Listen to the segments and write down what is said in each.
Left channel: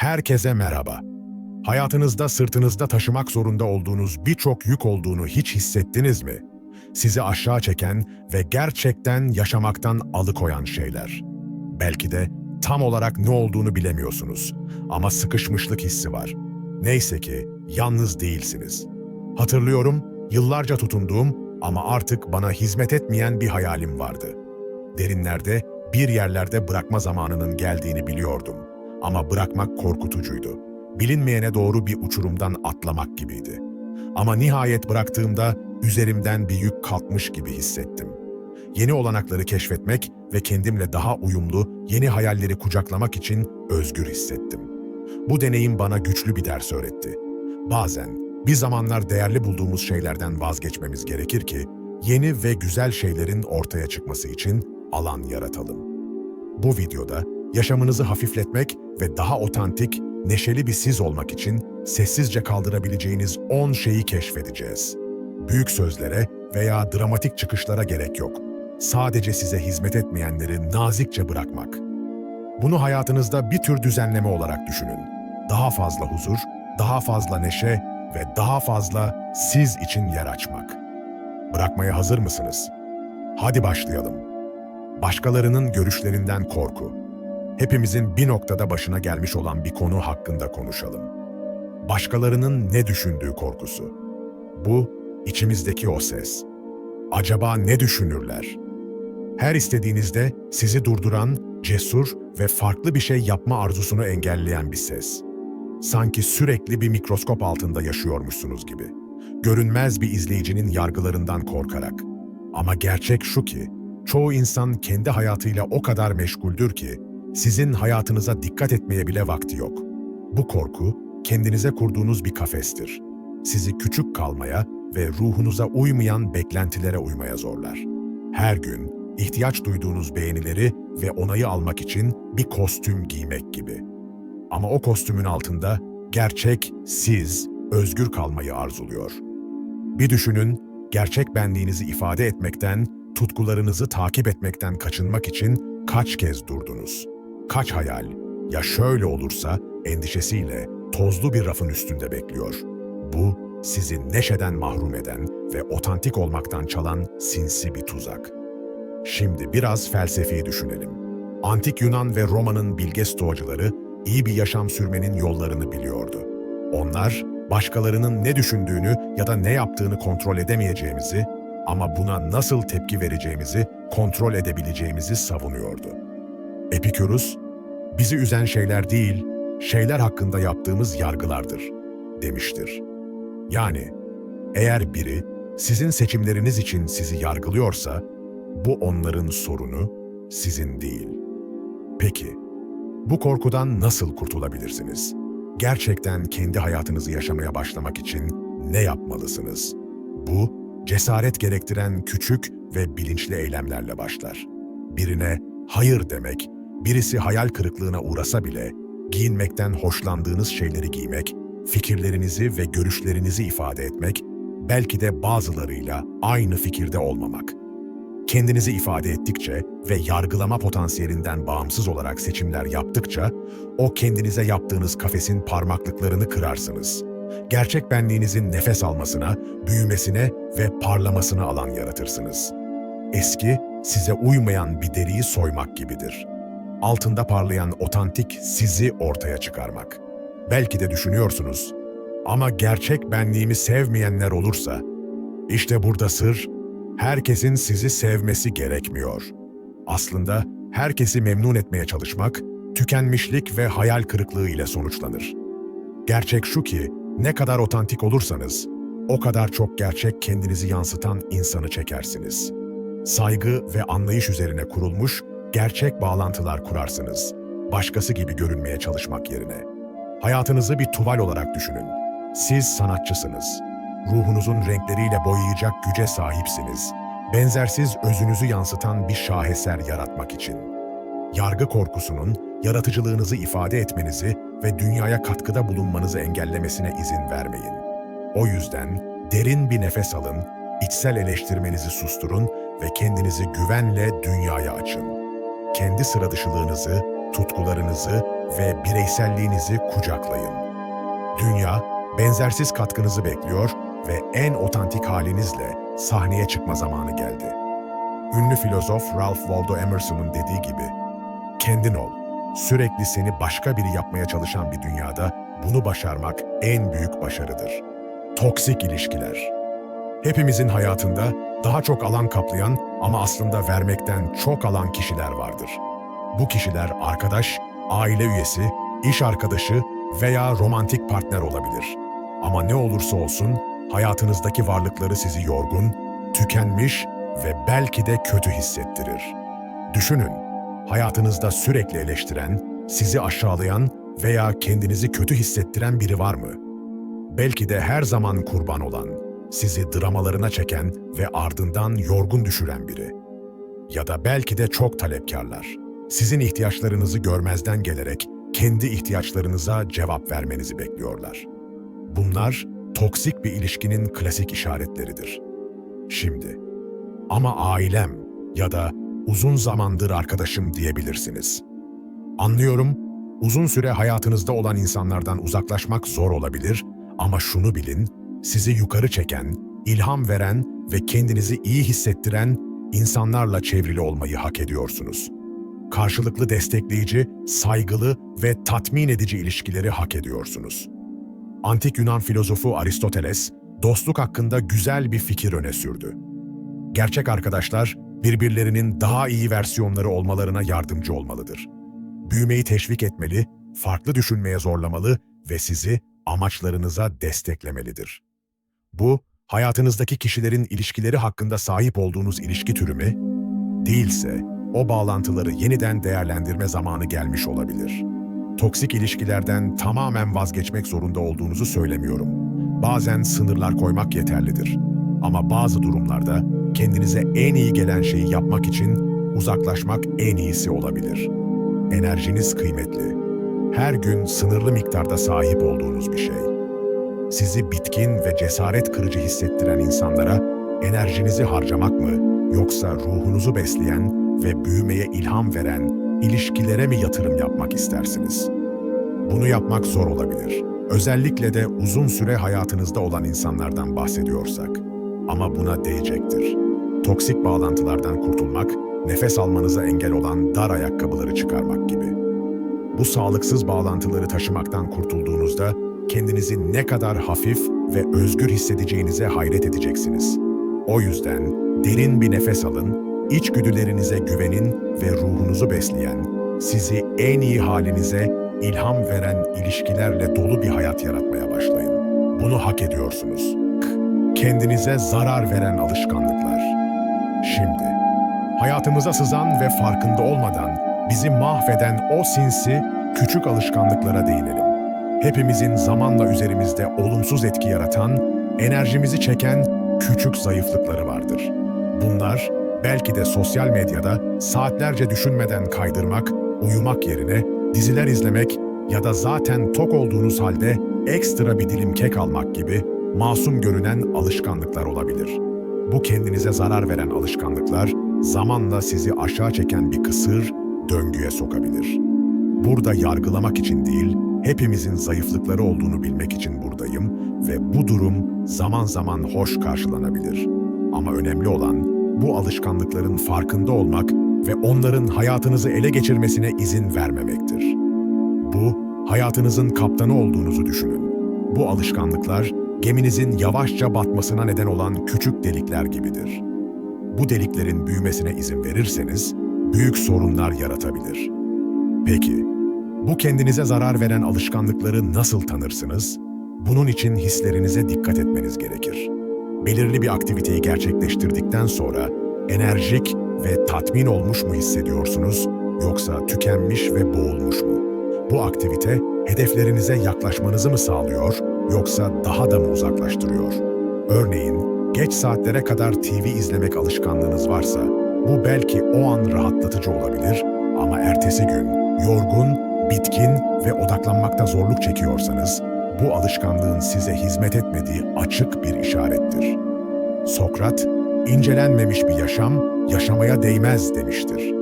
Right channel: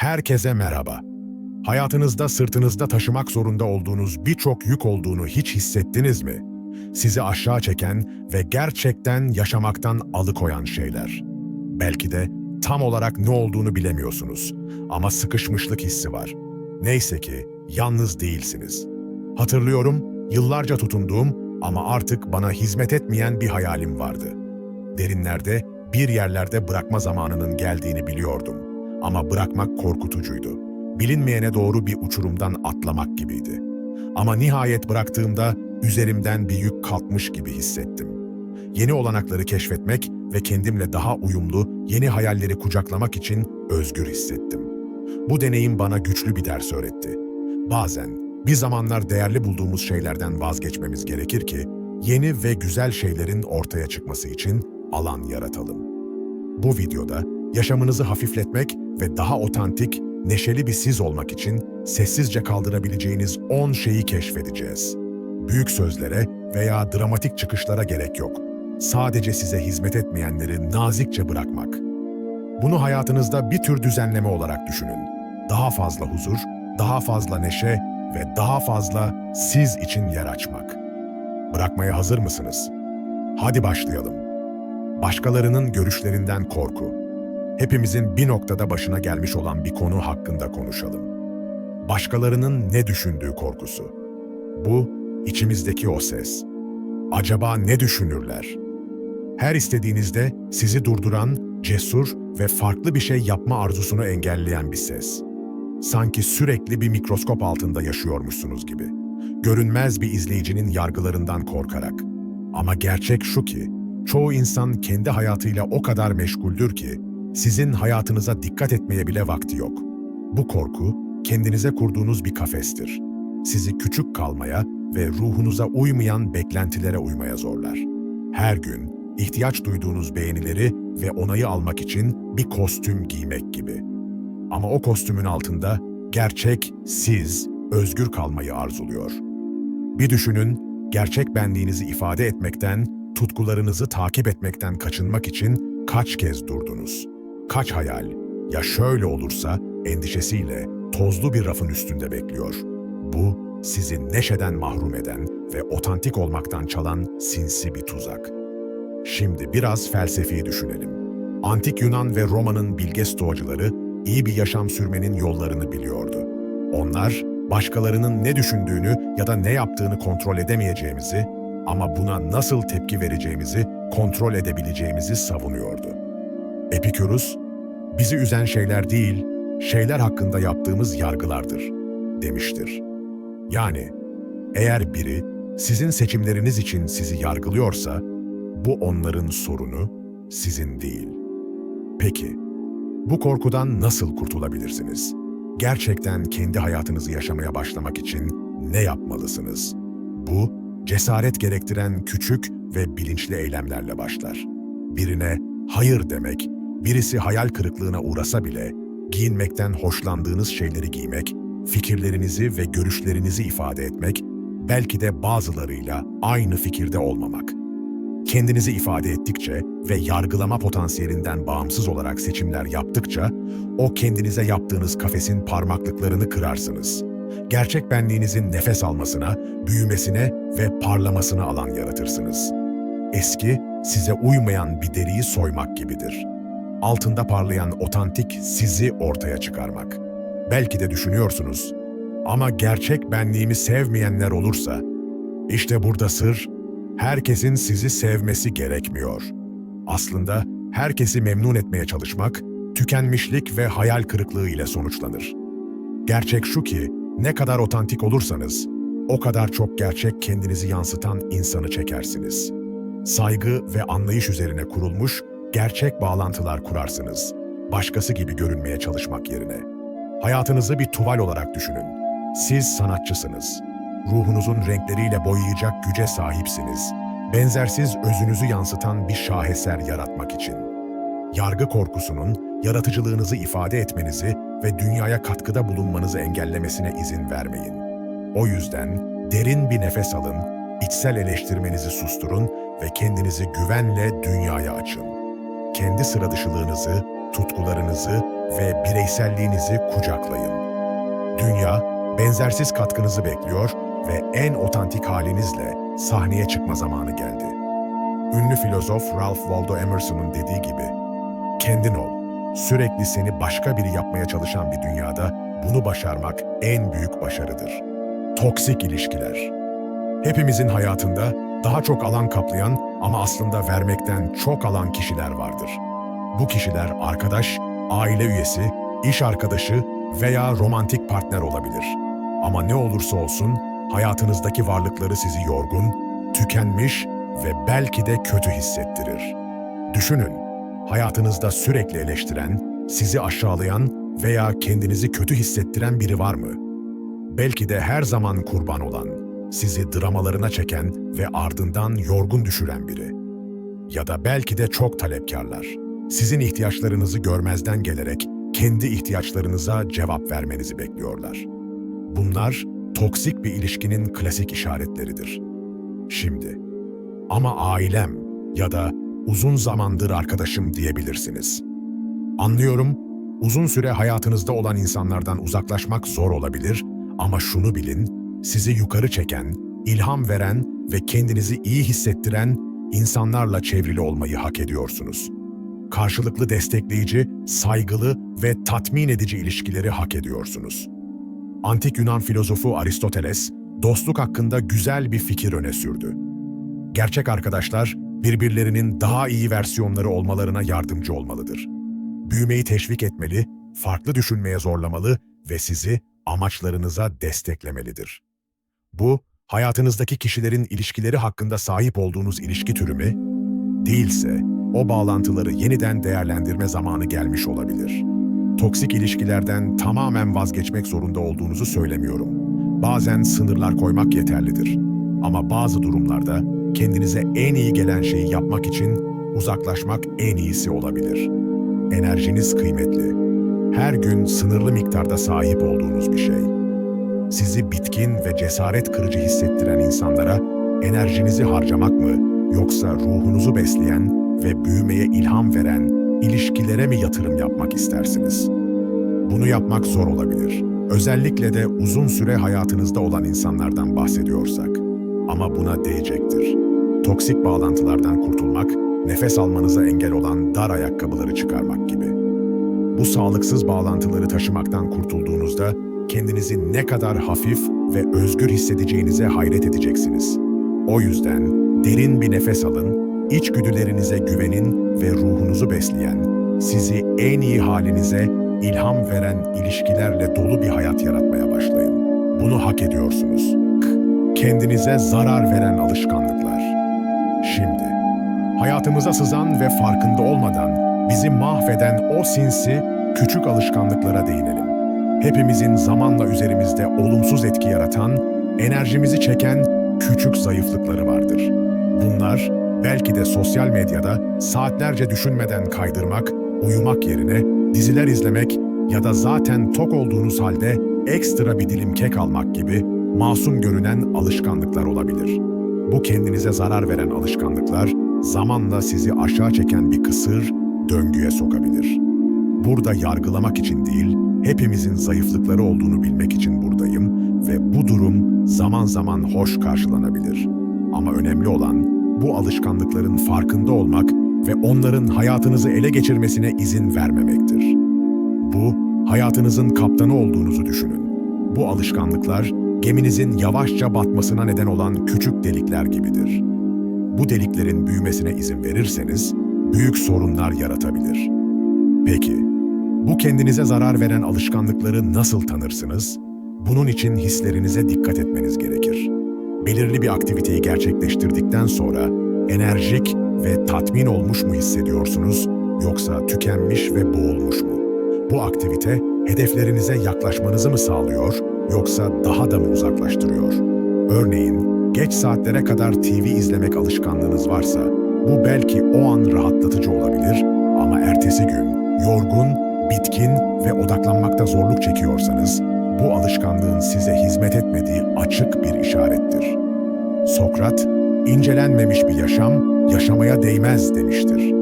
Herkese merhaba. Hayatınızda sırtınızda taşımak zorunda olduğunuz birçok yük olduğunu hiç hissettiniz mi? Sizi aşağı çeken ve gerçekten yaşamaktan alıkoyan şeyler. Belki de tam olarak ne olduğunu bilemiyorsunuz ama sıkışmışlık hissi var. Neyse ki yalnız değilsiniz. Hatırlıyorum, yıllarca tutunduğum ama artık bana hizmet etmeyen bir hayalim vardı. Derinlerde, bir yerlerde bırakma zamanının geldiğini biliyordum. Ama bırakmak korkutucuydu. Bilinmeyene doğru bir uçurumdan atlamak gibiydi. Ama nihayet bıraktığımda üzerimden bir yük kalkmış gibi hissettim. Yeni olanakları keşfetmek ve kendimle daha uyumlu yeni hayalleri kucaklamak için özgür hissettim. Bu deneyim bana güçlü bir ders öğretti. Bazen bir zamanlar değerli bulduğumuz şeylerden vazgeçmemiz gerekir ki yeni ve güzel şeylerin ortaya çıkması için alan yaratalım. Bu videoda yaşamınızı hafifletmek ve daha otantik, neşeli bir siz olmak için sessizce kaldırabileceğiniz 10 şeyi keşfedeceğiz. Büyük sözlere veya dramatik çıkışlara gerek yok. Sadece size hizmet etmeyenleri nazikçe bırakmak. Bunu hayatınızda bir tür düzenleme olarak düşünün. Daha fazla huzur, daha fazla neşe ve daha fazla siz için yer açmak. Bırakmaya hazır mısınız? Hadi başlayalım. Başkalarının görüşlerinden korku. Hepimizin bir noktada başına gelmiş olan bir konu hakkında konuşalım. Başkalarının ne düşündüğü korkusu. Bu, içimizdeki o ses. Acaba ne düşünürler? Her istediğinizde sizi durduran, cesur ve farklı bir şey yapma arzusunu engelleyen bir ses. Sanki sürekli bir mikroskop altında yaşıyormuşsunuz gibi. Görünmez bir izleyicinin yargılarından korkarak. Ama gerçek şu ki, çoğu insan kendi hayatıyla o kadar meşguldür ki, sizin hayatınıza dikkat etmeye bile vakti yok. Bu korku, kendinize kurduğunuz bir kafestir. Sizi küçük kalmaya ve ruhunuza uymayan beklentilere uymaya zorlar. Her gün, ihtiyaç duyduğunuz beğenileri ve onayı almak için bir kostüm giymek gibi. Ama o kostümün altında gerçek siz, özgür kalmayı arzuluyor. Bir düşünün, gerçek benliğinizi ifade etmekten, tutkularınızı takip etmekten kaçınmak için kaç kez durdunuz? Kaç hayal, ya şöyle olursa endişesiyle tozlu bir rafın üstünde bekliyor. Bu, sizi neşeden mahrum eden ve otantik olmaktan çalan sinsi bir tuzak. Şimdi biraz felsefi düşünelim. Antik Yunan ve Roma'nın bilge stoacıları iyi bir yaşam sürmenin yollarını biliyordu. Onlar, başkalarının ne düşündüğünü ya da ne yaptığını kontrol edemeyeceğimizi ama buna nasıl tepki vereceğimizi kontrol edebileceğimizi savunuyordu. Epikürus, bizi üzen şeyler değil, şeyler hakkında yaptığımız yargılardır, demiştir. Yani, eğer biri sizin seçimleriniz için sizi yargılıyorsa, bu onların sorunu, sizin değil. Peki, bu korkudan nasıl kurtulabilirsiniz? Gerçekten kendi hayatınızı yaşamaya başlamak için ne yapmalısınız? Bu, cesaret gerektiren küçük ve bilinçli eylemlerle başlar. Birine hayır demek, birisi hayal kırıklığına uğrasa bile, giyinmekten hoşlandığınız şeyleri giymek, fikirlerinizi ve görüşlerinizi ifade etmek, belki de bazılarıyla aynı fikirde olmamak. Kendinizi ifade ettikçe ve yargılama potansiyelinden bağımsız olarak seçimler yaptıkça, o kendinize yaptığınız kafesin parmaklıklarını kırarsınız. Gerçek benliğinizin nefes almasına, büyümesine ve parlamasına alan yaratırsınız. Eski, size uymayan bir deriyi soymak gibidir. Altında parlayan otantik sizi ortaya çıkarmak. Belki de düşünüyorsunuz, ama gerçek benliğimi sevmeyenler olursa, işte burada sır, herkesin sizi sevmesi gerekmiyor. Aslında herkesi memnun etmeye çalışmak, tükenmişlik ve hayal kırıklığı ile sonuçlanır. Gerçek şu ki, ne kadar otantik olursanız, o kadar çok gerçek kendinizi yansıtan insanı çekersiniz. Saygı ve anlayış üzerine kurulmuş, gerçek bağlantılar kurarsınız. Başkası gibi görünmeye çalışmak yerine. Hayatınızı bir tuval olarak düşünün. Siz sanatçısınız. Ruhunuzun renkleriyle boyayacak güce sahipsiniz. Benzersiz özünüzü yansıtan bir şaheser yaratmak için. Yargı korkusunun, yaratıcılığınızı ifade etmenizi ve dünyaya katkıda bulunmanızı engellemesine izin vermeyin. O yüzden derin bir nefes alın, içsel eleştirmenizi susturun ve kendinizi güvenle dünyaya açın. Kendi sıradışılığınızı, tutkularınızı ve bireyselliğinizi kucaklayın. Dünya, benzersiz katkınızı bekliyor ve en otantik halinizle sahneye çıkma zamanı geldi. Ünlü filozof Ralph Waldo Emerson'un dediği gibi, kendin ol. Sürekli seni başka biri yapmaya çalışan bir dünyada bunu başarmak en büyük başarıdır. Toksik ilişkiler. Hepimizin hayatında daha çok alan kaplayan ama aslında vermekten çok alan kişiler vardır. Bu kişiler arkadaş, aile üyesi, iş arkadaşı veya romantik partner olabilir. Ama ne olursa olsun hayatınızdaki varlıkları sizi yorgun, tükenmiş ve belki de kötü hissettirir. Düşünün, hayatınızda sürekli eleştiren, sizi aşağılayan veya kendinizi kötü hissettiren biri var mı? Belki de her zaman kurban olan, sizi dramalarına çeken ve ardından yorgun düşüren biri. Ya da belki de çok talepkarlar. Sizin ihtiyaçlarınızı görmezden gelerek kendi ihtiyaçlarınıza cevap vermenizi bekliyorlar. Bunlar toksik bir ilişkinin klasik işaretleridir. Şimdi, ama ailem ya da uzun zamandır arkadaşım diyebilirsiniz. Anlıyorum, uzun süre hayatınızda olan insanlardan uzaklaşmak zor olabilir ama şunu bilin, sizi yukarı çeken, ilham veren ve kendinizi iyi hissettiren insanlarla çevrili olmayı hak ediyorsunuz. Karşılıklı destekleyici, saygılı ve tatmin edici ilişkileri hak ediyorsunuz. Antik Yunan filozofu Aristoteles, dostluk hakkında güzel bir fikir öne sürdü. Gerçek arkadaşlar, birbirlerinin daha iyi versiyonları olmalarına yardımcı olmalıdır. Büyümeyi teşvik etmeli, farklı düşünmeye zorlamalı ve sizi amaçlarınıza desteklemelidir. Bu, hayatınızdaki kişilerin ilişkileri hakkında sahip olduğunuz ilişki türü mü? Değilse, o bağlantıları yeniden değerlendirme zamanı gelmiş olabilir. Toksik ilişkilerden tamamen vazgeçmek zorunda olduğunuzu söylemiyorum. Bazen sınırlar koymak yeterlidir. Ama bazı durumlarda kendinize en iyi gelen şeyi yapmak için uzaklaşmak en iyisi olabilir. Enerjiniz kıymetli. Her gün sınırlı miktarda sahip olduğunuz bir şey. Sizi bitkin ve cesaret kırıcı hissettiren insanlara enerjinizi harcamak mı, yoksa ruhunuzu besleyen ve büyümeye ilham veren ilişkilere mi yatırım yapmak istersiniz? Bunu yapmak zor olabilir. Özellikle de uzun süre hayatınızda olan insanlardan bahsediyorsak. Ama buna değecektir. Toksik bağlantılardan kurtulmak, nefes almanıza engel olan dar ayakkabıları çıkarmak gibi. Bu sağlıksız bağlantıları taşımaktan kurtulduğunuzda kendinizi ne kadar hafif ve özgür hissedeceğinize hayret edeceksiniz. O yüzden derin bir nefes alın, içgüdülerinize güvenin ve ruhunuzu besleyen, sizi en iyi halinize ilham veren ilişkilerle dolu bir hayat yaratmaya başlayın. Bunu hak ediyorsunuz. Kendinize zarar veren alışkanlıklar. Şimdi, hayatımıza sızan ve farkında olmadan bizi mahveden o sinsi, küçük alışkanlıklara değinelim. Hepimizin zamanla üzerimizde olumsuz etki yaratan, enerjimizi çeken küçük zayıflıkları vardır. Bunlar, belki de sosyal medyada saatlerce düşünmeden kaydırmak, uyumak yerine diziler izlemek ya da zaten tok olduğunuz halde ekstra bir dilim kek almak gibi masum görünen alışkanlıklar olabilir. Bu kendinize zarar veren alışkanlıklar, zamanla sizi aşağı çeken bir kısır döngüye sokabilir. Burada yargılamak için değil, hepimizin zayıflıkları olduğunu bilmek için buradayım ve bu durum zaman zaman hoş karşılanabilir. Ama önemli olan bu alışkanlıkların farkında olmak ve onların hayatınızı ele geçirmesine izin vermemektir. Bu, hayatınızın kaptanı olduğunuzu düşünün. Bu alışkanlıklar, geminizin yavaşça batmasına neden olan küçük delikler gibidir. Bu deliklerin büyümesine izin verirseniz, büyük sorunlar yaratabilir. Peki, bu kendinize zarar veren alışkanlıkları nasıl tanırsınız? Bunun için hislerinize dikkat etmeniz gerekir. Belirli bir aktiviteyi gerçekleştirdikten sonra enerjik ve tatmin olmuş mu hissediyorsunuz, yoksa tükenmiş ve boğulmuş mu? Bu aktivite hedeflerinize yaklaşmanızı mı sağlıyor, yoksa daha da mı uzaklaştırıyor? Örneğin, geç saatlere kadar TV izlemek alışkanlığınız varsa, bu belki o an rahatlatıcı olabilir ama ertesi gün yorgun, bitkin ve odaklanmakta zorluk çekiyorsanız, bu alışkanlığın size hizmet etmediği açık bir işarettir. Sokrat, incelenmemiş bir yaşam, yaşamaya değmez demiştir.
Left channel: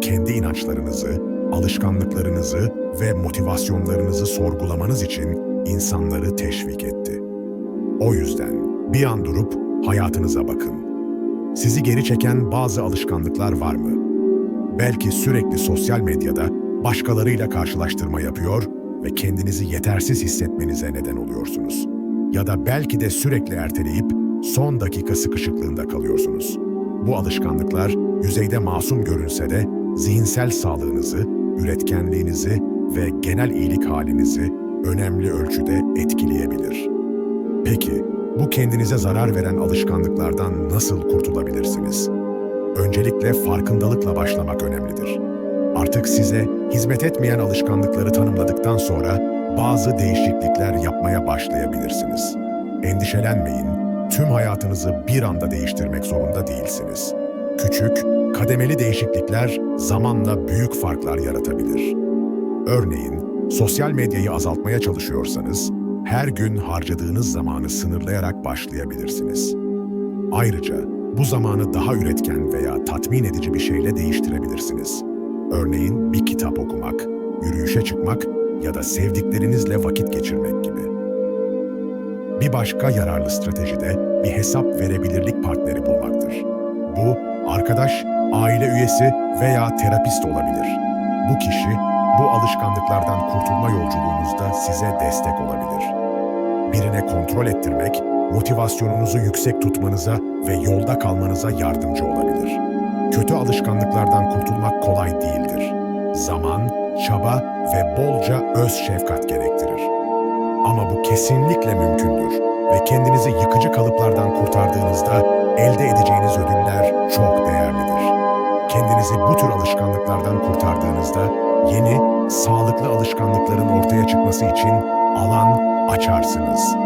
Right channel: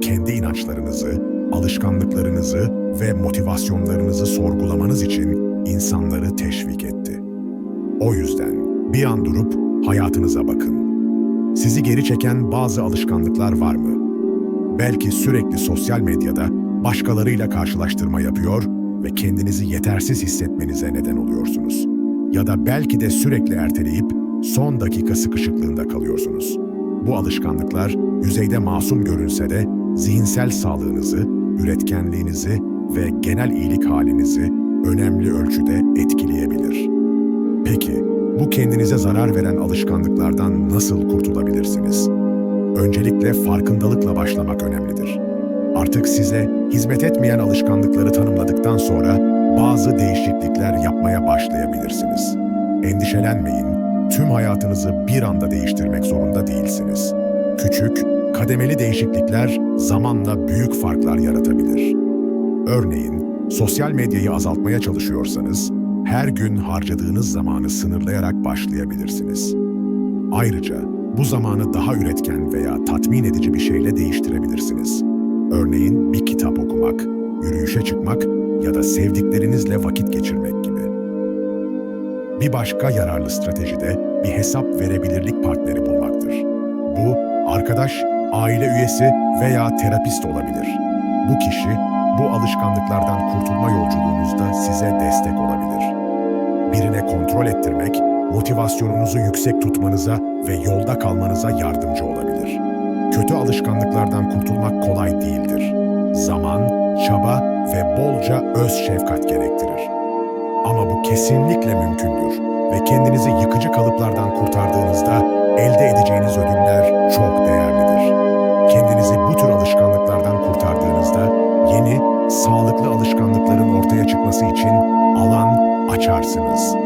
Kendi inançlarınızı, alışkanlıklarınızı ve motivasyonlarınızı sorgulamanız için insanları teşvik etti. O yüzden bir an durup hayatınıza bakın. Sizi geri çeken bazı alışkanlıklar var mı? Belki sürekli sosyal medyada başkalarıyla karşılaştırma yapıyor ve kendinizi yetersiz hissetmenize neden oluyorsunuz. Ya da belki de sürekli erteleyip son dakika sıkışıklığında kalıyorsunuz. Bu alışkanlıklar yüzeyde masum görünse de zihinsel sağlığınızı, üretkenliğinizi ve genel iyilik halinizi önemli ölçüde etkileyebilir. Peki, bu kendinize zarar veren alışkanlıklardan nasıl kurtulabilirsiniz? Öncelikle farkındalıkla başlamak önemlidir. Artık size hizmet etmeyen alışkanlıkları tanımladıktan sonra bazı değişiklikler yapmaya başlayabilirsiniz. Endişelenmeyin, tüm hayatınızı bir anda değiştirmek zorunda değilsiniz. Küçük, kademeli değişiklikler zamanla büyük farklar yaratabilir. Örneğin, sosyal medyayı azaltmaya çalışıyorsanız, her gün harcadığınız zamanı sınırlayarak başlayabilirsiniz. Ayrıca bu zamanı daha üretken veya tatmin edici bir şeyle değiştirebilirsiniz. Örneğin bir kitap okumak, yürüyüşe çıkmak ya da sevdiklerinizle vakit geçirmek gibi. Bir başka yararlı strateji de bir hesap verebilirlik partneri bulmaktır. Bu, arkadaş, aile üyesi veya terapist olabilir. Bu kişi, bu alışkanlıklardan kurtulma yolculuğunuzda size destek olabilir. Birine kontrol ettirmek, motivasyonunuzu yüksek tutmanıza ve yolda kalmanıza yardımcı olabilir. Kötü alışkanlıklardan kurtulmak kolay değildir. Zaman, çaba ve bolca öz şefkat gerektirir. Ama bu kesinlikle mümkündür ve kendinizi yıkıcı kalıplardan kurtardığınızda elde edeceğiniz ödüller çok değerlidir. Kendinizi bu tür alışkanlıklardan kurtardığınızda yeni, sağlıklı alışkanlıkların ortaya çıkması için alan açarsınız.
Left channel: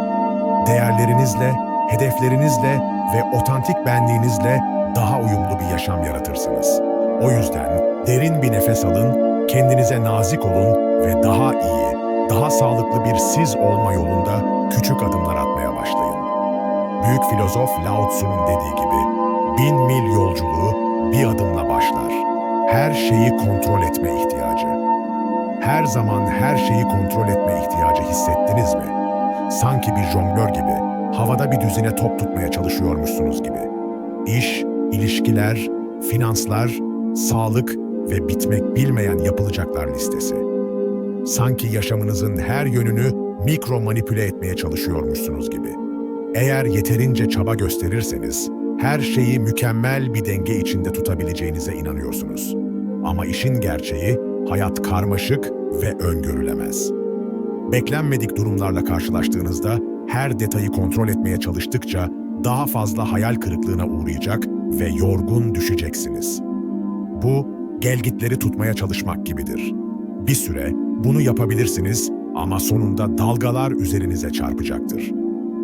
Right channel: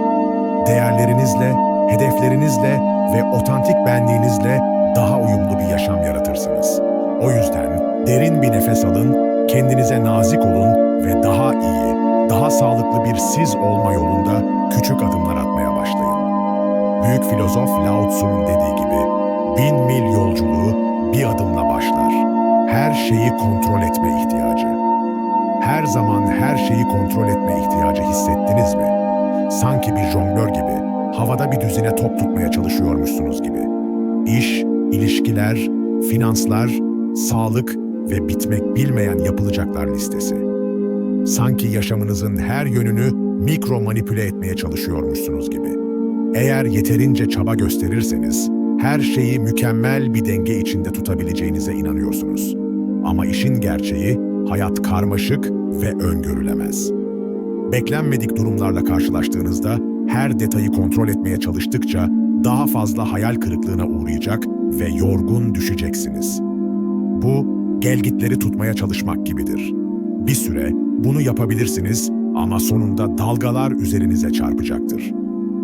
Değerlerinizle, hedeflerinizle ve otantik benliğinizle daha uyumlu bir yaşam yaratırsınız. O yüzden derin bir nefes alın, kendinize nazik olun ve daha iyi, daha sağlıklı bir siz olma yolunda küçük adımlar atmaya başlayın. Büyük filozof Lao Tzu'nun dediği gibi, 1000 mil yolculuğu bir adımla başlar. Her şeyi kontrol etme ihtiyacı. Her zaman her şeyi kontrol etme ihtiyacı hissettiniz mi? Sanki bir jonglör gibi, havada bir düzine top tutmaya çalışıyormuşsunuz gibi. İş, ilişkiler, finanslar, sağlık ve bitmek bilmeyen yapılacaklar listesi. Sanki yaşamınızın her yönünü mikro manipüle etmeye çalışıyormuşsunuz gibi. Eğer yeterince çaba gösterirseniz, her şeyi mükemmel bir denge içinde tutabileceğinize inanıyorsunuz. Ama işin gerçeği, hayat karmaşık ve öngörülemez. Beklenmedik durumlarla karşılaştığınızda her detayı kontrol etmeye çalıştıkça daha fazla hayal kırıklığına uğrayacak ve yorgun düşeceksiniz. Bu, gelgitleri tutmaya çalışmak gibidir. Bir süre bunu yapabilirsiniz ama sonunda dalgalar üzerinize çarpacaktır.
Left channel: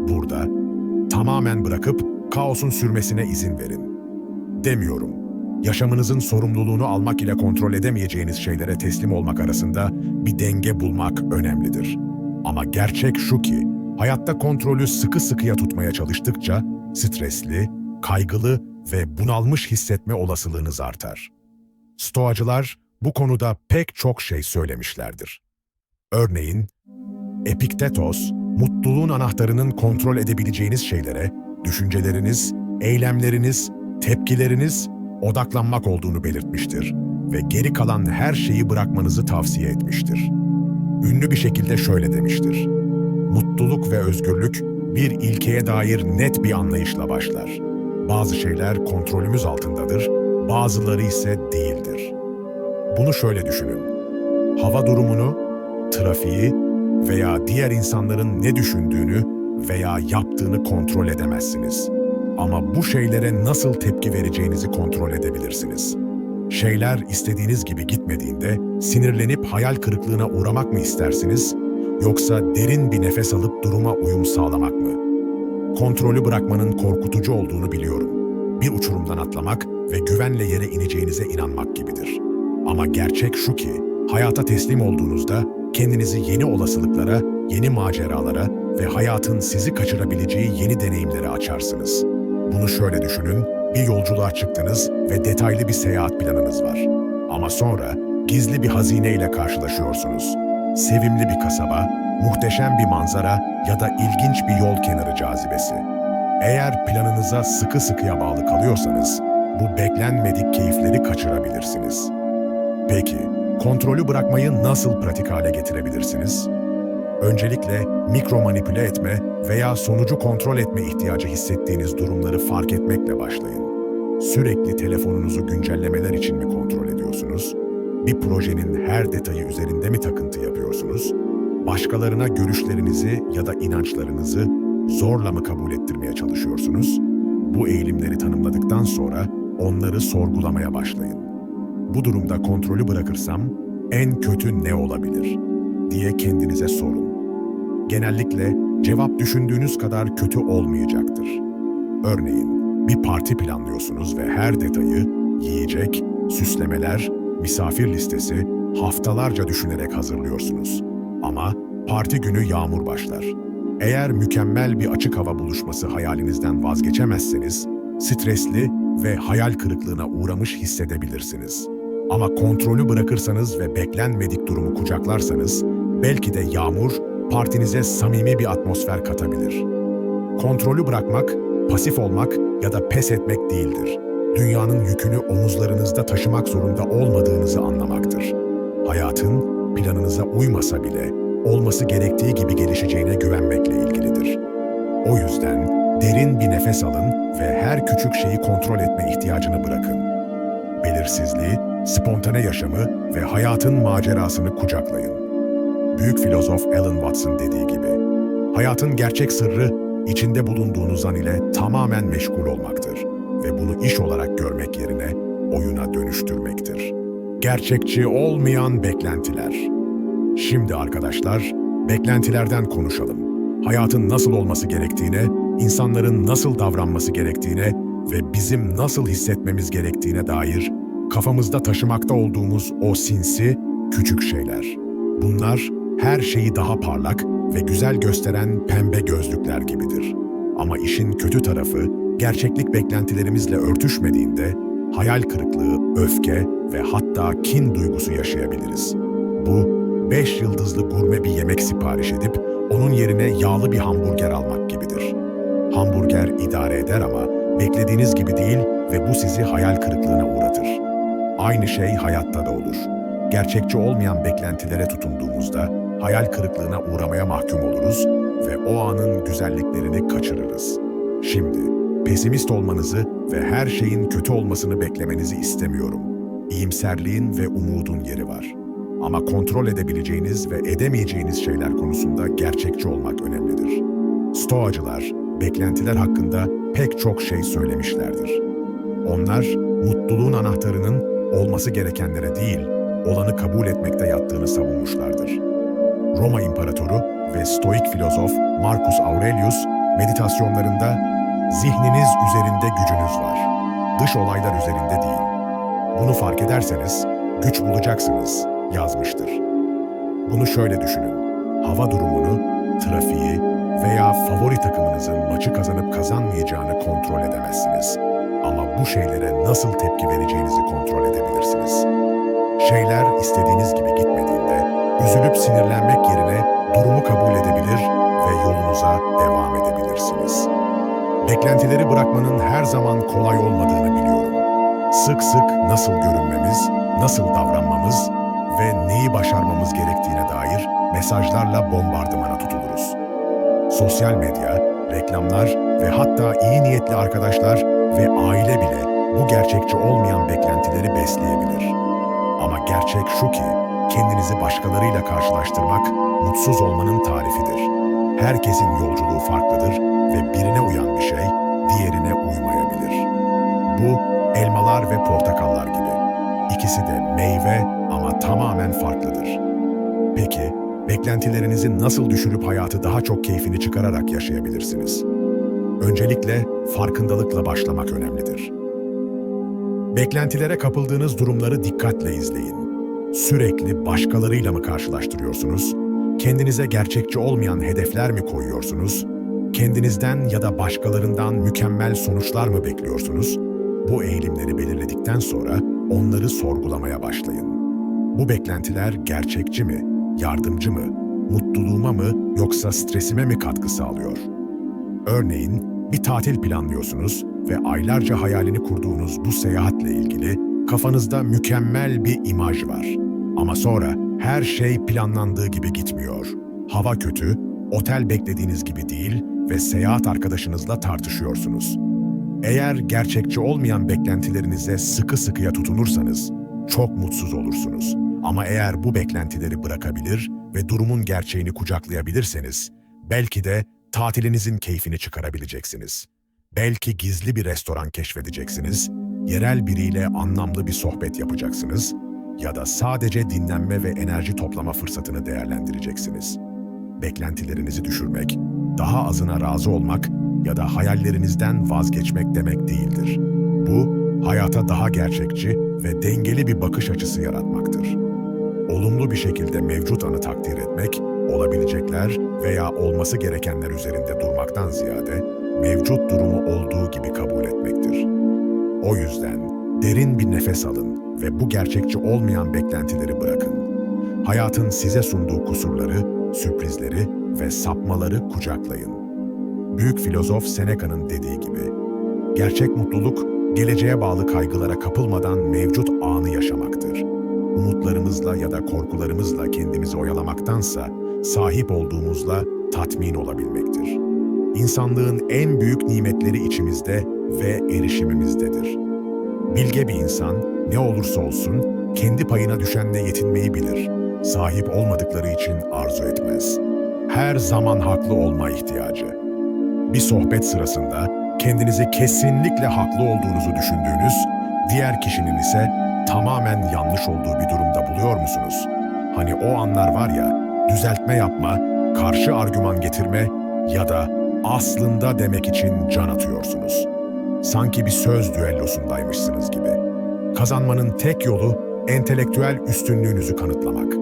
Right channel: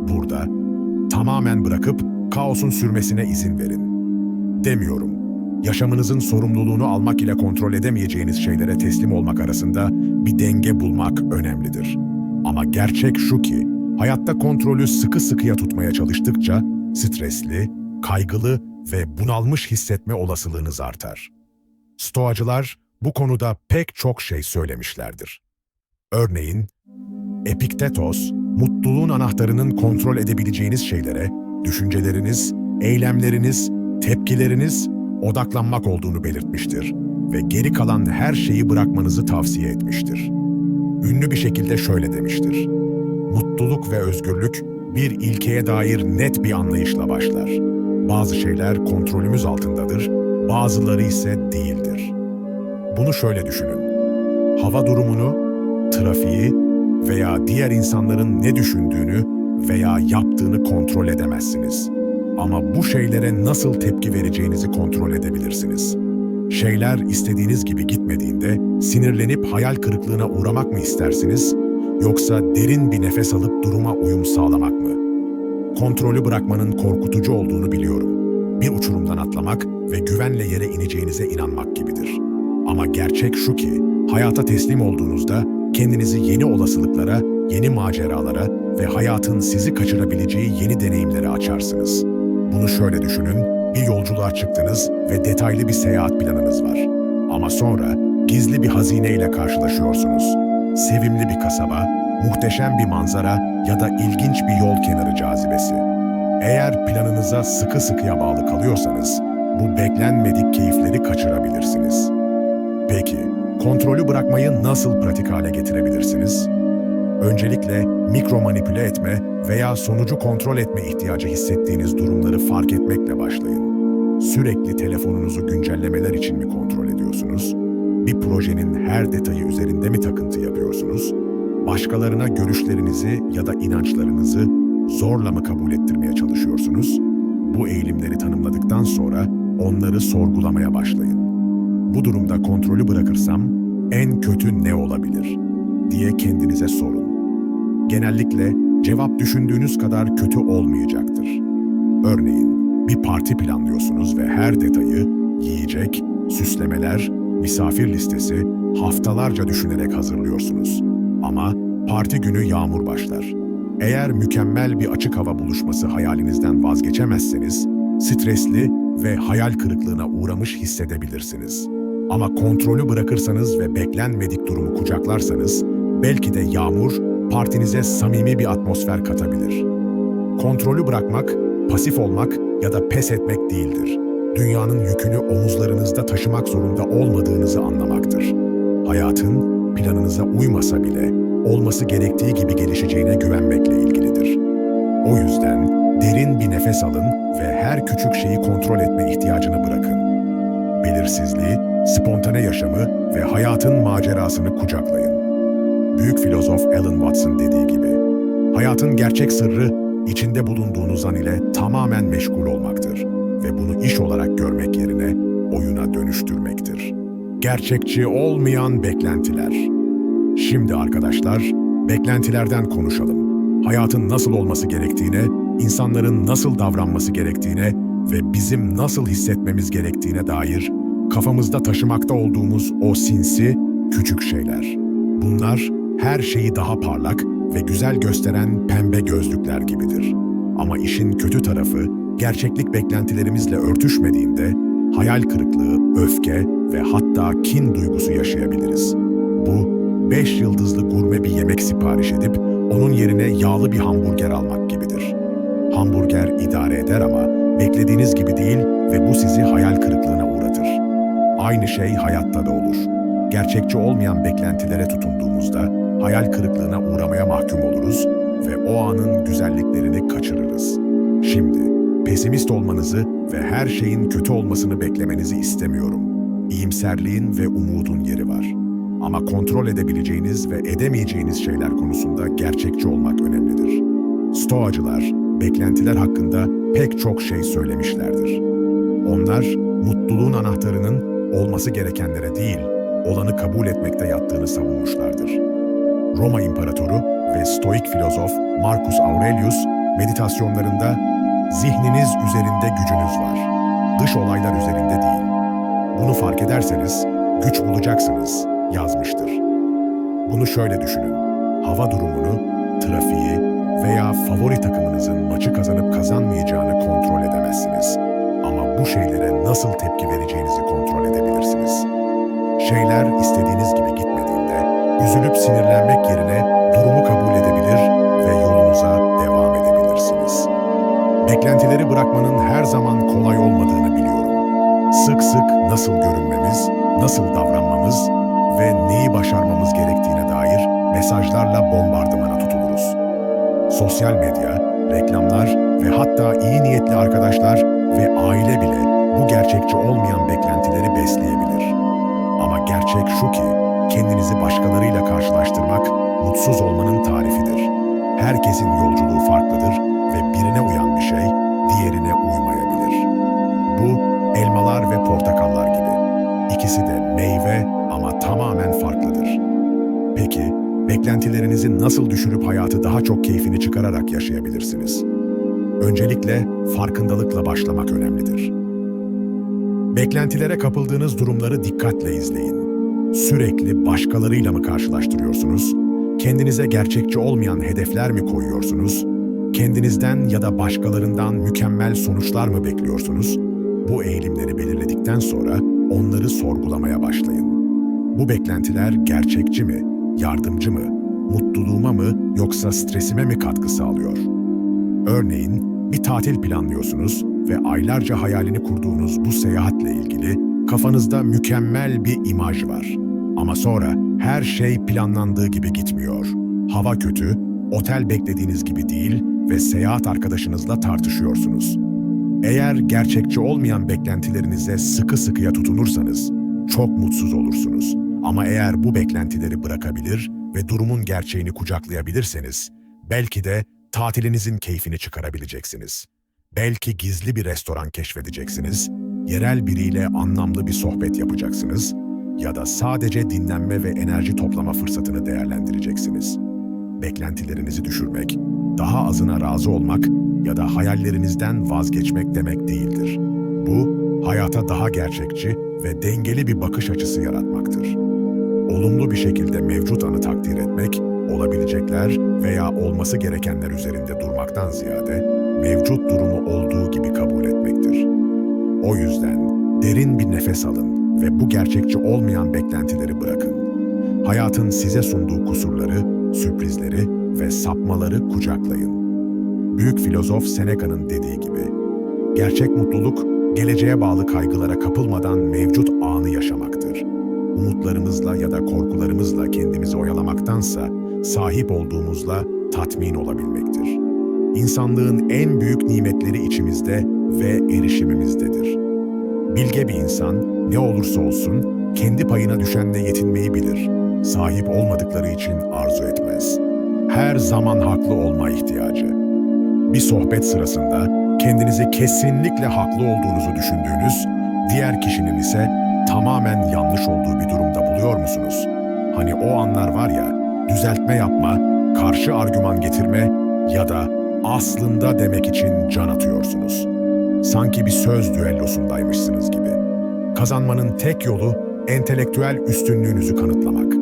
Burada tamamen bırakıp kaosun sürmesine izin verin. Demiyorum. Yaşamınızın sorumluluğunu almak ile kontrol edemeyeceğiniz şeylere teslim olmak arasında bir denge bulmak önemlidir. Ama gerçek şu ki, hayatta kontrolü sıkı sıkıya tutmaya çalıştıkça stresli, kaygılı ve bunalmış hissetme olasılığınız artar. Stoacılar bu konuda pek çok şey söylemişlerdir. Örneğin, Epiktetos, mutluluğun anahtarının kontrol edebileceğiniz şeylere, düşünceleriniz, eylemleriniz, tepkileriniz, odaklanmak olduğunu belirtmiştir ve geri kalan her şeyi bırakmanızı tavsiye etmiştir. Ünlü bir şekilde şöyle demiştir: mutluluk ve özgürlük bir ilkeye dair net bir anlayışla başlar. Bazı şeyler kontrolümüz altındadır, bazıları ise değildir. Bunu şöyle düşünün: hava durumunu, trafiği veya diğer insanların ne düşündüğünü veya yaptığını kontrol edemezsiniz. Ama bu şeylere nasıl tepki vereceğinizi kontrol edebilirsiniz. Şeyler istediğiniz gibi gitmediğinde sinirlenip hayal kırıklığına uğramak mı istersiniz, yoksa derin bir nefes alıp duruma uyum sağlamak mı? Kontrolü bırakmanın korkutucu olduğunu biliyorum. Bir uçurumdan atlamak ve güvenle yere ineceğinize inanmak gibidir. Ama gerçek şu ki, hayata teslim olduğunuzda kendinizi yeni olasılıklara, yeni maceralara ve hayatın sizi kaçırabileceği yeni deneyimlere açarsınız. Bunu şöyle düşünün: bir yolculuğa çıktınız ve detaylı bir seyahat planınız var. Ama sonra Gizli bir hazineyle karşılaşıyorsunuz. Sevimli bir kasaba, muhteşem bir manzara ya da ilginç bir yol kenarı cazibesi. Eğer planınıza sıkı sıkıya bağlı kalıyorsanız, bu beklenmedik keyifleri kaçırabilirsiniz. Peki, kontrolü bırakmayı nasıl pratik hale getirebilirsiniz? Öncelikle mikro manipüle etme veya sonucu kontrol etme ihtiyacı hissettiğiniz durumları fark etmekle başlayın. Sürekli telefonunuzu güncellemeler için mi kontrol ediyorsunuz? Bir projenin her detayı üzerinde mi takıntı yapıyorsunuz? Başkalarına görüşlerinizi ya da inançlarınızı zorla mı kabul ettirmeye çalışıyorsunuz? Bu eğilimleri tanımladıktan sonra onları sorgulamaya başlayın. Bu durumda kontrolü bırakırsam en kötü ne olabilir diye kendinize sorun. Genellikle cevap düşündüğünüz kadar kötü olmayacaktır. Örneğin bir parti planlıyorsunuz ve her detayı, yiyecek, süslemeler, misafir listesi haftalarca düşünerek hazırlıyorsunuz. Ama parti günü yağmur başlar. Eğer mükemmel bir açık hava buluşması hayalinizden vazgeçemezseniz, stresli ve hayal kırıklığına uğramış hissedebilirsiniz. Ama kontrolü bırakırsanız ve beklenmedik durumu kucaklarsanız, belki de yağmur partinize samimi bir atmosfer katabilir. Kontrolü bırakmak, pasif olmak ya da pes etmek değildir. Dünyanın yükünü omuzlarınızda taşımak zorunda olmadığınızı anlamaktır. Hayatın planınıza uymasa bile olması gerektiği gibi gelişeceğine güvenmekle ilgilidir. O yüzden derin bir nefes alın ve her küçük şeyi kontrol etme ihtiyacını bırakın. Belirsizliği, spontane yaşamı ve hayatın macerasını kucaklayın. Büyük filozof Alan Watts'ın dediği gibi, hayatın gerçek sırrı içinde bulunduğunuz an ile tamamen meşgul olmaktır ve bunu iş olarak görmek yerine oyuna dönüştürmektir. Gerçekçi olmayan beklentiler. Şimdi arkadaşlar, beklentilerden konuşalım. Hayatın nasıl olması gerektiğine, insanların nasıl davranması gerektiğine ve bizim nasıl hissetmemiz gerektiğine dair kafamızda taşımakta olduğumuz o sinsi, küçük şeyler. Bunlar her şeyi daha parlak ve güzel gösteren pembe gözlükler gibidir. Ama işin kötü tarafı, gerçeklik beklentilerimizle örtüşmediğinde hayal kırıklığı, öfke ve hatta kin duygusu yaşayabiliriz. Bu, 5 yıldızlı gurme bir yemek sipariş edip onun yerine yağlı bir hamburger almak gibidir. Hamburger idare eder ama beklediğiniz gibi değil ve bu sizi hayal kırıklığına uğratır. Aynı şey hayatta da olur. Gerçekçi olmayan beklentilere tutunduğumuzda hayal kırıklığına uğramaya mahkum oluruz ve o anın güzelliklerini kaçırırız. Şimdi pesimist olmanızı ve her şeyin kötü olmasını beklemenizi istemiyorum. İyimserliğin ve umudun yeri var. Ama kontrol edebileceğiniz ve edemeyeceğiniz şeyler konusunda gerçekçi olmak önemlidir. Stoacılar, beklentiler hakkında pek çok şey söylemişlerdir. Onlar, mutluluğun anahtarının olması gerekenlere değil, olanı kabul etmekte yattığını savunmuşlardır. Roma İmparatoru ve Stoik filozof Marcus Aurelius, meditasyonlarında "Zihniniz üzerinde gücünüz var, dış olaylar üzerinde değil. Bunu fark ederseniz güç bulacaksınız," yazmıştır. Bunu şöyle düşünün, hava durumunu, trafiği veya favori takımınızın maçı kazanıp kazanmayacağını kontrol edemezsiniz. Ama bu şeylere nasıl tepki vereceğinizi kontrol edebilirsiniz. Şeyler istediğiniz gibi gitmediğinde, üzülüp sinirlenmek yerine durumu kabul edebilir ve yolunuza devam edebilirsiniz. Beklentileri bırakmanın her zaman kolay olmadığını biliyorum. Sık sık nasıl görünmemiz, nasıl davranmamız ve neyi başarmamız gerektiğine dair mesajlarla bombardımana tutuluruz. Sosyal medya, reklamlar ve hatta iyi niyetli arkadaşlar ve aile bile bu gerçekçi olmayan beklentileri besleyebilir. Ama gerçek şu ki, kendinizi başkalarıyla karşılaştırmak mutsuz olmanın tarifidir. Herkesin yolculuğu farklıdır ve birine uyan bir şey diğerine uymayabilir. Bu, elmalar ve portakallar gibi. İkisi de meyve ama tamamen farklıdır. Peki, beklentilerinizi nasıl düşürüp hayatı daha çok keyfini çıkararak yaşayabilirsiniz? Öncelikle farkındalıkla başlamak önemlidir. Beklentilere kapıldığınız durumları dikkatle izleyin. Sürekli başkalarıyla mı karşılaştırıyorsunuz? Kendinize gerçekçi olmayan hedefler mi koyuyorsunuz? Kendinizden ya da başkalarından mükemmel sonuçlar mı bekliyorsunuz? Bu eğilimleri belirledikten sonra onları sorgulamaya başlayın. Bu beklentiler gerçekçi mi, yardımcı mı, mutluluğuma mı yoksa stresime mi katkı sağlıyor? Örneğin bir tatil planlıyorsunuz ve aylarca hayalini kurduğunuz bu seyahatle ilgili kafanızda mükemmel bir imaj var. Ama sonra her şey planlandığı gibi gitmiyor. Hava kötü, otel beklediğiniz gibi değil ve seyahat arkadaşınızla tartışıyorsunuz. Eğer gerçekçi olmayan beklentilerinize sıkı sıkıya tutunursanız çok mutsuz olursunuz. Ama eğer bu beklentileri bırakabilir ve durumun gerçeğini kucaklayabilirseniz belki de tatilinizin keyfini çıkarabileceksiniz. Belki gizli bir restoran keşfedeceksiniz, yerel biriyle anlamlı bir sohbet yapacaksınız ya da sadece dinlenme ve enerji toplama fırsatını değerlendireceksiniz. Beklentilerinizi düşürmek, daha azına razı olmak ya da hayallerinizden vazgeçmek demek değildir. Bu, hayata daha gerçekçi ve dengeli bir bakış açısı yaratmaktır. Olumlu bir şekilde mevcut anı takdir etmek, olabilecekler veya olması gerekenler üzerinde durmaktan ziyade, mevcut durumu olduğu gibi kabul etmektir. O yüzden derin bir nefes alın ve bu gerçekçi olmayan beklentileri bırakın. Hayatın size sunduğu kusurları, sürprizleri ve sapmaları kucaklayın. Büyük filozof Seneca'nın dediği gibi, gerçek mutluluk, geleceğe bağlı kaygılara kapılmadan mevcut anı yaşamaktır. Umutlarımızla ya da korkularımızla kendimizi oyalamaktansa, sahip olduğumuzla tatmin olabilmektir. İnsanlığın en büyük nimetleri içimizde ve erişimimizdedir. Bilge bir insan, ne olursa olsun, kendi payına düşenle yetinmeyi bilir. Sahip olmadıkları için arzu etmez. Her zaman haklı olma ihtiyacı. Bir sohbet sırasında kendinizi kesinlikle haklı olduğunuzu düşündüğünüz, diğer kişinin ise tamamen yanlış olduğu bir durumda buluyor musunuz? Hani o anlar var ya, düzeltme yapma, karşı argüman getirme ya da aslında demek için can atıyorsunuz. Sanki bir söz düellosundaymışsınız gibi. Kazanmanın tek yolu entelektüel üstünlüğünüzü kanıtlamak.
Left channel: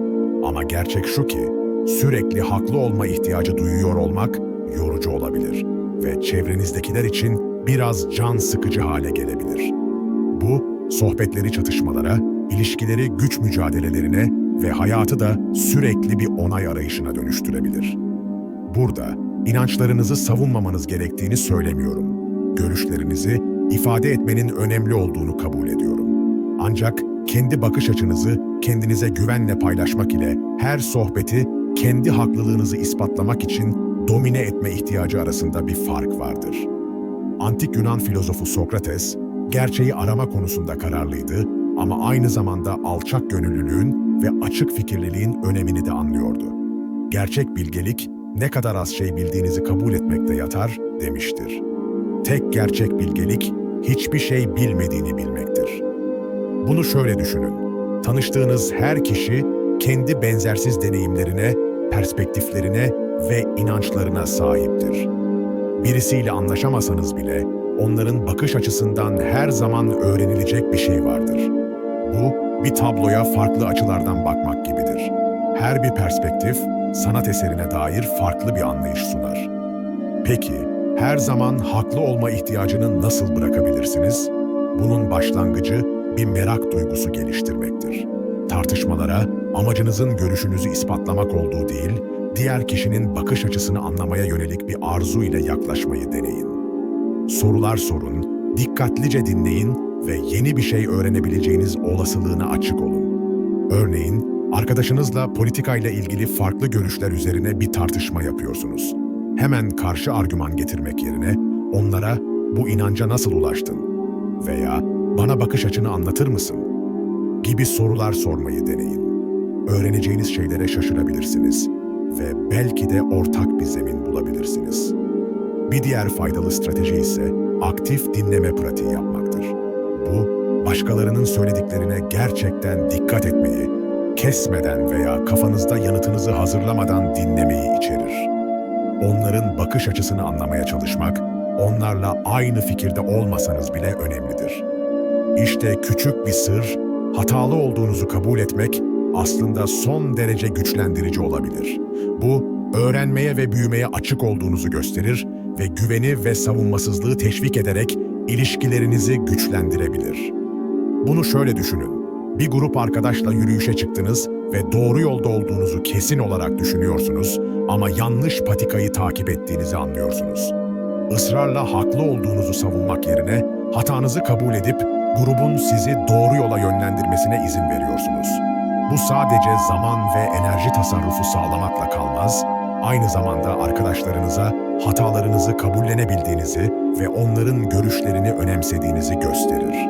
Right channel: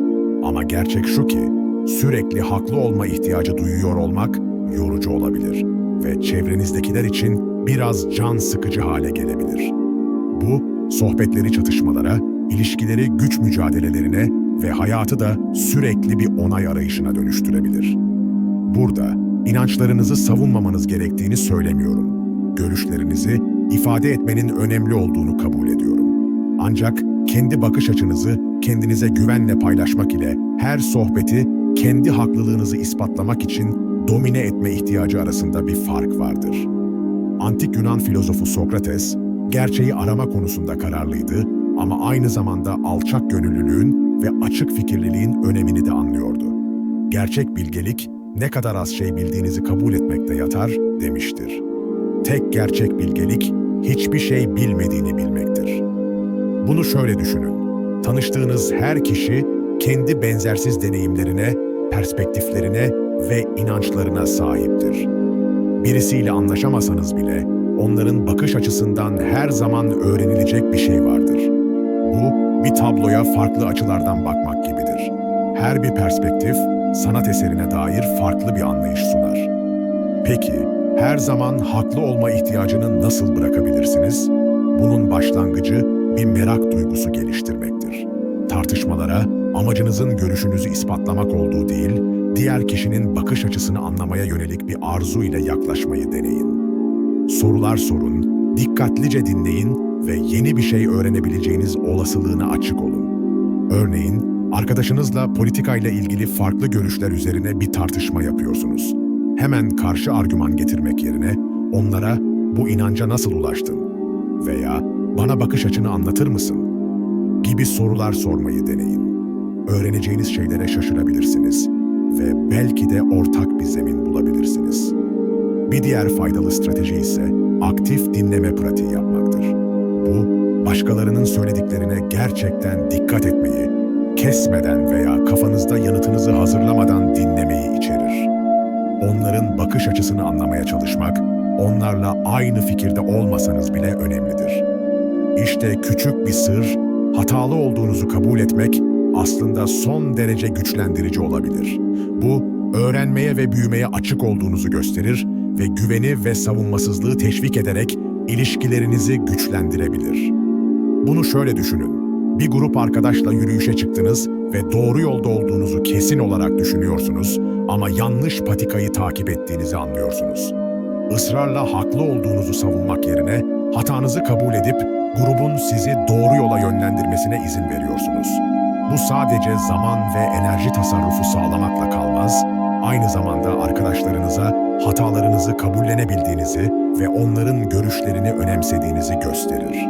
Ama gerçek şu ki, sürekli haklı olma ihtiyacı duyuyor olmak yorucu olabilir ve çevrenizdekiler için biraz can sıkıcı hale gelebilir. Bu, sohbetleri çatışmalara, ilişkileri güç mücadelelerine ve hayatı da sürekli bir onay arayışına dönüştürebilir. Burada inançlarınızı savunmamanız gerektiğini söylemiyorum. Görüşlerinizi ifade etmenin önemli olduğunu kabul ediyorum. Ancak kendi bakış açınızı kendinize güvenle paylaşmak ile her sohbeti kendi haklılığınızı ispatlamak için domine etme ihtiyacı arasında bir fark vardır. Antik Yunan filozofu Sokrates, gerçeği arama konusunda kararlıydı ama aynı zamanda alçak gönüllülüğün ve açık fikirliliğin önemini de anlıyordu. Gerçek bilgelik, ne kadar az şey bildiğinizi kabul etmekte yatar, demiştir. Tek gerçek bilgelik, hiçbir şey bilmediğini bilmektir. Bunu şöyle düşünün. Tanıştığınız her kişi, kendi benzersiz deneyimlerine, perspektiflerine ve inançlarına sahiptir. Birisiyle anlaşamasanız bile, onların bakış açısından her zaman öğrenilecek bir şey vardır. Bu, bir tabloya farklı açılardan bakmak gibidir. Her bir perspektif, sanat eserine dair farklı bir anlayış sunar. Peki, her zaman haklı olma ihtiyacını nasıl bırakabilirsiniz? Bunun başlangıcı bir merak duygusu geliştirmektir. Tartışmalara, amacınızın görüşünüzü ispatlamak olduğu değil, diğer kişinin bakış açısını anlamaya yönelik bir arzu ile yaklaşmayı deneyin. Sorular sorun, dikkatlice dinleyin ve yeni bir şey öğrenebileceğiniz olasılığına açık olun. Örneğin, arkadaşınızla politikayla ilgili farklı görüşler üzerine bir tartışma yapıyorsunuz. Hemen karşı argüman getirmek yerine onlara "Bu inanca nasıl ulaştın?" veya "Bana bakış açını anlatır mısın?" gibi sorular sormayı deneyin. Öğreneceğiniz şeylere şaşırabilirsiniz ve belki de ortak bir zemin bulabilirsiniz. Bir diğer faydalı strateji ise aktif dinleme pratiği yapmaktır. Bu, başkalarının söylediklerine gerçekten dikkat etmeyi, kesmeden veya kafanızda yanıtınızı hazırlamadan dinlemeyi içerir. Onların bakış açısını anlamaya çalışmak, onlarla aynı fikirde olmasanız bile önemlidir. İşte küçük bir sır, hatalı olduğunuzu kabul etmek aslında son derece güçlendirici olabilir. Bu, öğrenmeye ve büyümeye açık olduğunuzu gösterir ve güveni ve savunmasızlığı teşvik ederek ilişkilerinizi güçlendirebilir. Bunu şöyle düşünün. Bir grup arkadaşla yürüyüşe çıktınız ve doğru yolda olduğunuzu kesin olarak düşünüyorsunuz ama yanlış patikayı takip ettiğinizi anlıyorsunuz. Israrla haklı olduğunuzu savunmak yerine hatanızı kabul edip grubun sizi doğru yola yönlendirmesine izin veriyorsunuz. Bu sadece zaman ve enerji tasarrufu sağlamakla kalmaz, aynı zamanda arkadaşlarınıza hatalarınızı kabullenebildiğinizi ve onların görüşlerini önemsediğinizi gösterir.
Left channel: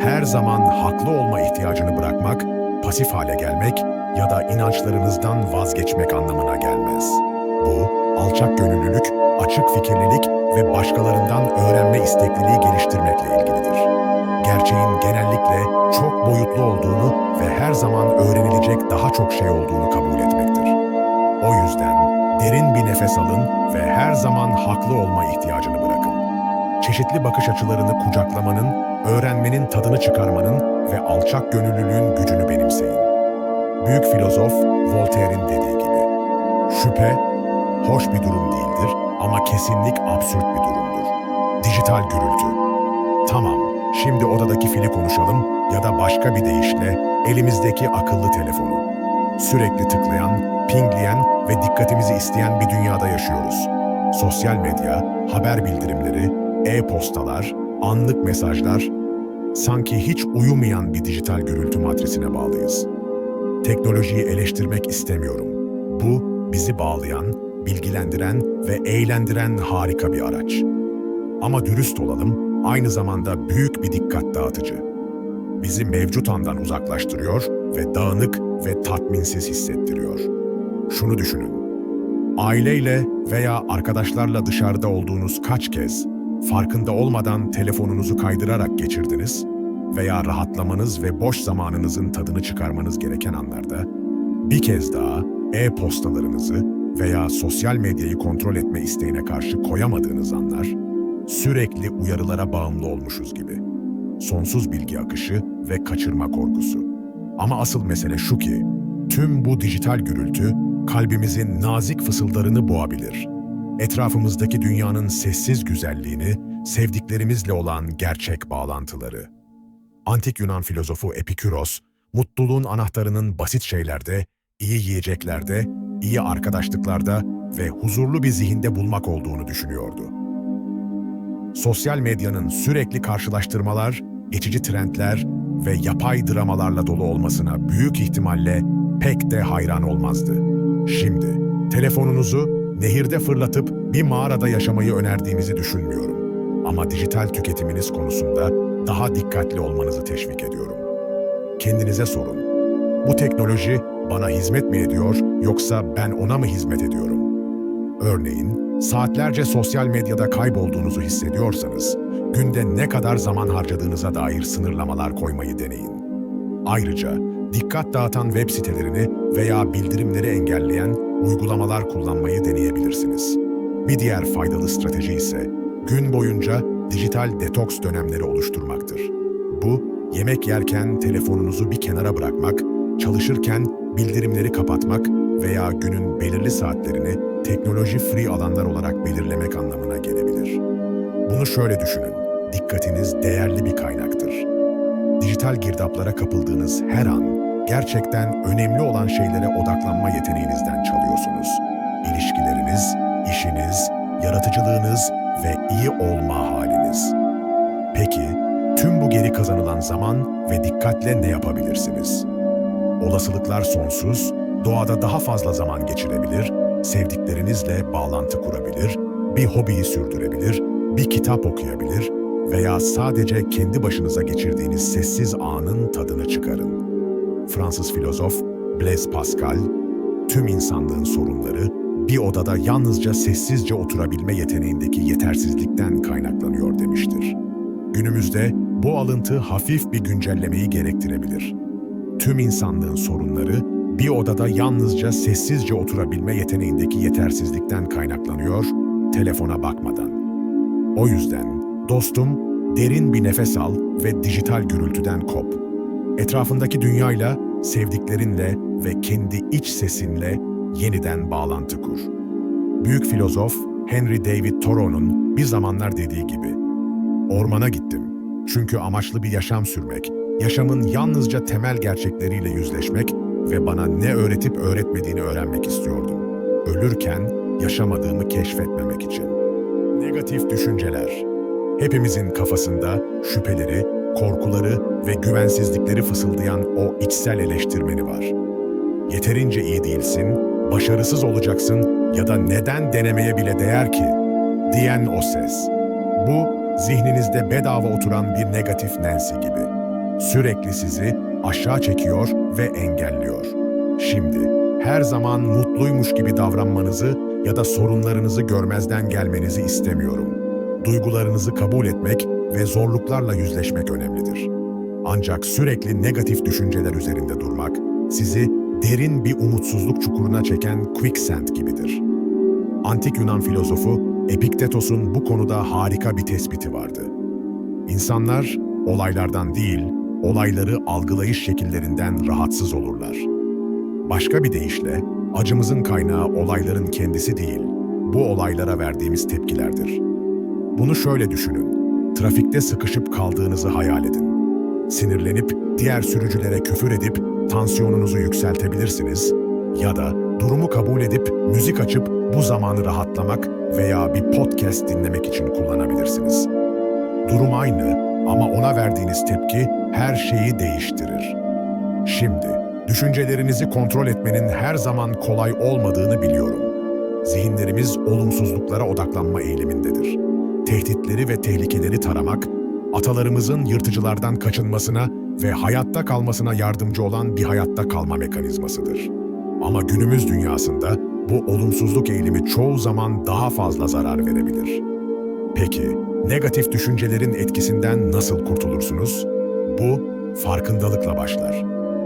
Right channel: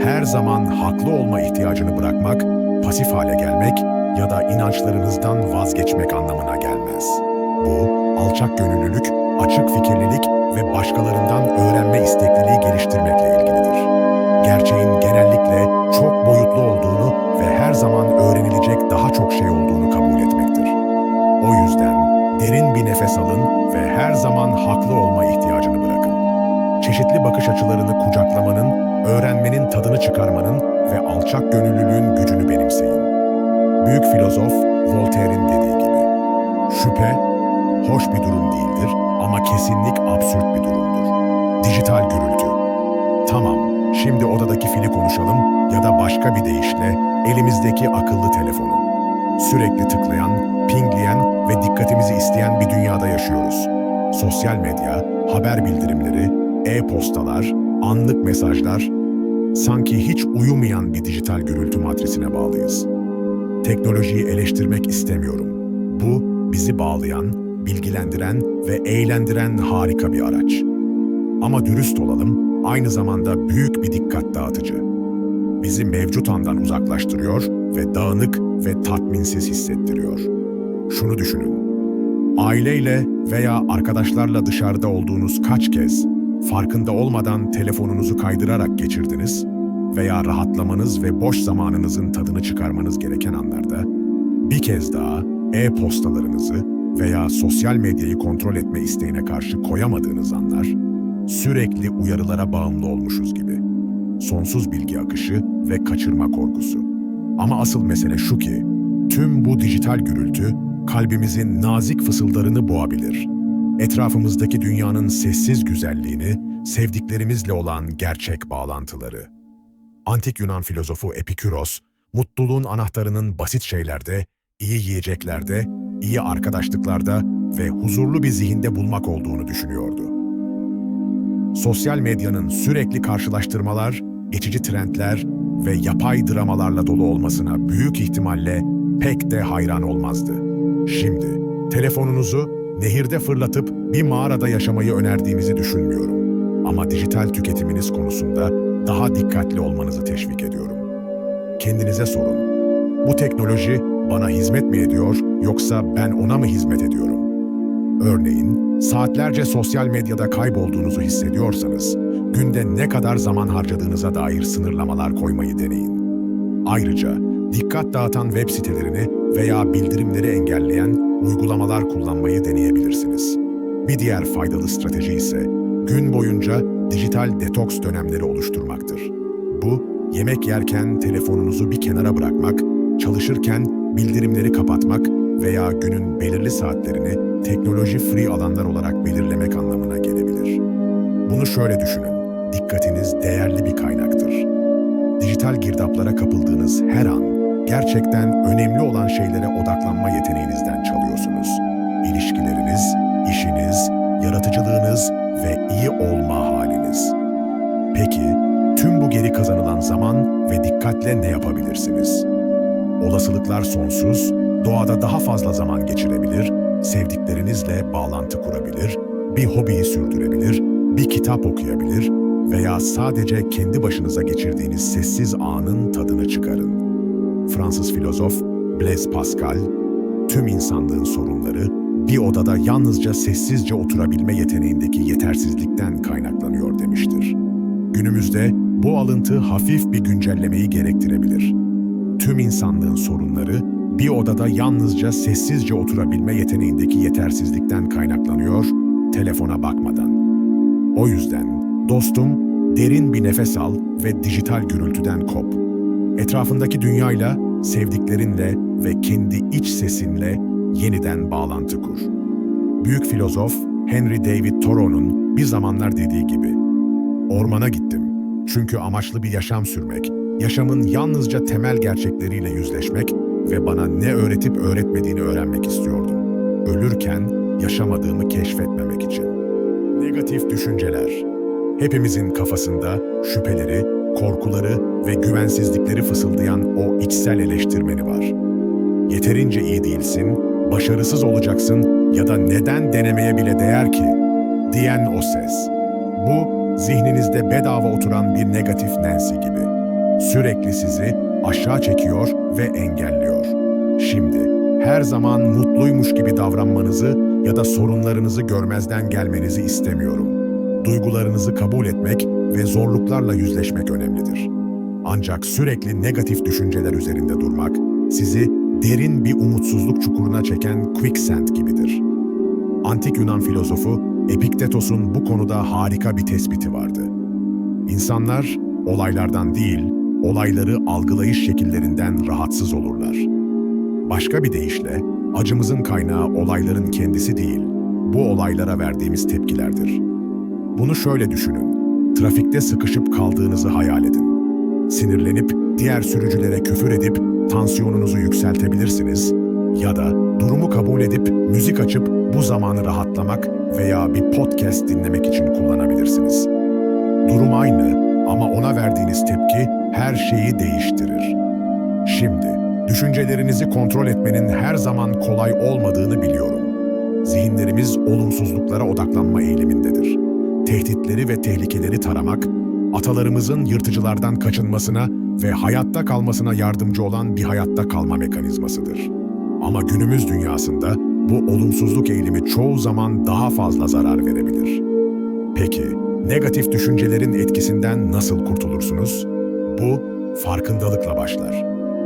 Her zaman haklı olma ihtiyacını bırakmak, pasif hale gelmek ya da inançlarınızdan vazgeçmek anlamına gelmez. Bu, alçak gönüllülük, açık fikirlilik ve başkalarından öğrenme istekliliği geliştirmekle ilgilidir. Gerçeğin genellikle çok boyutlu olduğunu ve her zaman öğrenilecek daha çok şey olduğunu kabul etmektir. O yüzden derin bir nefes alın ve her zaman haklı olma ihtiyacını bırakın. Çeşitli bakış açılarını kucaklamanın, öğrenmenin tadını çıkarmanın ve alçak gönüllülüğün gücünü benimseyin. Büyük filozof Voltaire'in dediği gibi, şüphe, hoş bir durum değildir ama kesinlik absürt bir durumdur. Dijital gürültü. Tamam, şimdi odadaki fili konuşalım ya da başka bir deyişle elimizdeki akıllı telefonu. Sürekli tıklayan, pingleyen ve dikkatimizi isteyen bir dünyada yaşıyoruz. Sosyal medya, haber bildirimleri, e-postalar, anlık mesajlar, sanki hiç uyumayan bir dijital gürültü matrisine bağlıyız. Teknolojiyi eleştirmek istemiyorum. Bu, bizi bağlayan, bilgilendiren ve eğlendiren harika bir araç. Ama dürüst olalım, aynı zamanda büyük bir dikkat dağıtıcı. Bizi mevcut andan uzaklaştırıyor ve dağınık ve tatminsiz hissettiriyor. Şunu düşünün. Aileyle veya arkadaşlarla dışarıda olduğunuz kaç kez farkında olmadan telefonunuzu kaydırarak geçirdiniz veya rahatlamanız ve boş zamanınızın tadını çıkarmanız gereken anlarda bir kez daha e-postalarınızı veya sosyal medyayı kontrol etme isteğine karşı koyamadığınız anlar, sürekli uyarılara bağımlı olmuşuz gibi. Sonsuz bilgi akışı ve kaçırma korkusu. Ama asıl mesele şu ki, tüm bu dijital gürültü kalbimizin nazik fısıldarını boğabilir. Etrafımızdaki dünyanın sessiz güzelliğini, sevdiklerimizle olan gerçek bağlantıları. Antik Yunan filozofu Epikuros, mutluluğun anahtarının basit şeylerde, iyi yiyeceklerde, iyi arkadaşlıklarda ve huzurlu bir zihinde bulmak olduğunu düşünüyordu. Sosyal medyanın sürekli karşılaştırmalar, geçici trendler ve yapay dramalarla dolu olmasına büyük ihtimalle pek de hayran olmazdı. Şimdi, telefonunuzu nehirde fırlatıp bir mağarada yaşamayı önerdiğimizi düşünmüyorum. Ama dijital tüketiminiz konusunda daha dikkatli olmanızı teşvik ediyorum. Kendinize sorun. Bu teknoloji bana hizmet mi ediyor yoksa ben ona mı hizmet ediyorum? Örneğin, saatlerce sosyal medyada kaybolduğunuzu hissediyorsanız, günde ne kadar zaman harcadığınıza dair sınırlamalar koymayı deneyin. Ayrıca, dikkat dağıtan web sitelerini veya bildirimleri engelleyen uygulamalar kullanmayı deneyebilirsiniz. Bir diğer faydalı strateji ise, gün boyunca dijital detoks dönemleri oluşturmaktır. Bu, yemek yerken telefonunuzu bir kenara bırakmak, çalışırken bildirimleri kapatmak veya günün belirli saatlerini teknoloji-free alanlar olarak belirlemek anlamına gelebilir. Bunu şöyle düşünün, dikkatiniz değerli bir kaynaktır. Dijital girdaplara kapıldığınız her an, gerçekten önemli olan şeylere odaklanma yeteneğinizden çalıyorsunuz. İlişkileriniz, işiniz, yaratıcılığınız ve iyi olma haliniz. Peki, tüm bu geri kazanılan zaman ve dikkatle ne yapabilirsiniz? Olasılıklar sonsuz, doğada daha fazla zaman geçirebilir, sevdiklerinizle bağlantı kurabilir, bir hobiyi sürdürebilir, bir kitap okuyabilir veya sadece kendi başınıza geçirdiğiniz sessiz anın tadını çıkarın. Fransız filozof Blaise Pascal, tüm insanlığın sorunları bir odada yalnızca sessizce oturabilme yeteneğindeki yetersizlikten kaynaklanıyor demiştir. Günümüzde bu alıntı hafif bir güncellemeyi gerektirebilir. Tüm insanlığın sorunları bir odada yalnızca sessizce oturabilme yeteneğindeki yetersizlikten kaynaklanıyor, telefona bakmadan. O yüzden dostum, derin bir nefes al ve dijital gürültüden kop. Etrafındaki dünyayla, sevdiklerinle ve kendi iç sesinle yeniden bağlantı kur. Büyük filozof Henry David Thoreau'nun bir zamanlar dediği gibi, "Ormana gittim çünkü amaçlı bir yaşam sürmek Yaşamın yalnızca temel gerçekleriyle yüzleşmek ve bana ne öğretip öğretmediğini öğrenmek istiyordum. Ölürken yaşamadığımı keşfetmemek için. Negatif düşünceler. Hepimizin kafasında şüpheleri, korkuları ve güvensizlikleri fısıldayan o içsel eleştirmeni var. Yeterince iyi değilsin, başarısız olacaksın ya da neden denemeye bile değer ki diyen o ses. Bu, zihninizde bedava oturan bir negatif Nancy gibi. Sürekli sizi aşağı çekiyor ve engelliyor. Şimdi, her zaman mutluymuş gibi davranmanızı ya da sorunlarınızı görmezden gelmenizi istemiyorum. Duygularınızı kabul etmek ve zorluklarla yüzleşmek önemlidir. Ancak sürekli negatif düşünceler üzerinde durmak, sizi derin bir umutsuzluk çukuruna çeken quicksand gibidir. Antik Yunan filozofu Epiktetos'un bu konuda harika bir tespiti vardı. İnsanlar olaylardan değil, olayları algılayış şekillerinden rahatsız olurlar. Başka bir deyişle, acımızın kaynağı olayların kendisi değil, bu olaylara verdiğimiz tepkilerdir. Bunu şöyle düşünün, trafikte sıkışıp kaldığınızı hayal edin. Sinirlenip diğer sürücülere küfür edip tansiyonunuzu yükseltebilirsiniz ya da durumu kabul edip müzik açıp bu zamanı rahatlamak veya bir podcast dinlemek için kullanabilirsiniz. Durum aynı ama ona verdiğiniz tepki her şeyi değiştirir. Şimdi, düşüncelerinizi kontrol etmenin her zaman kolay olmadığını biliyorum. Zihinlerimiz olumsuzluklara odaklanma eğilimindedir. Tehditleri ve tehlikeleri taramak, atalarımızın yırtıcılardan kaçınmasına ve hayatta kalmasına yardımcı olan bir hayatta kalma mekanizmasıdır. Ama günümüz dünyasında bu olumsuzluk eğilimi çoğu zaman daha fazla zarar verebilir. Peki, negatif düşüncelerin etkisinden nasıl kurtulursunuz? Bu, farkındalıkla başlar.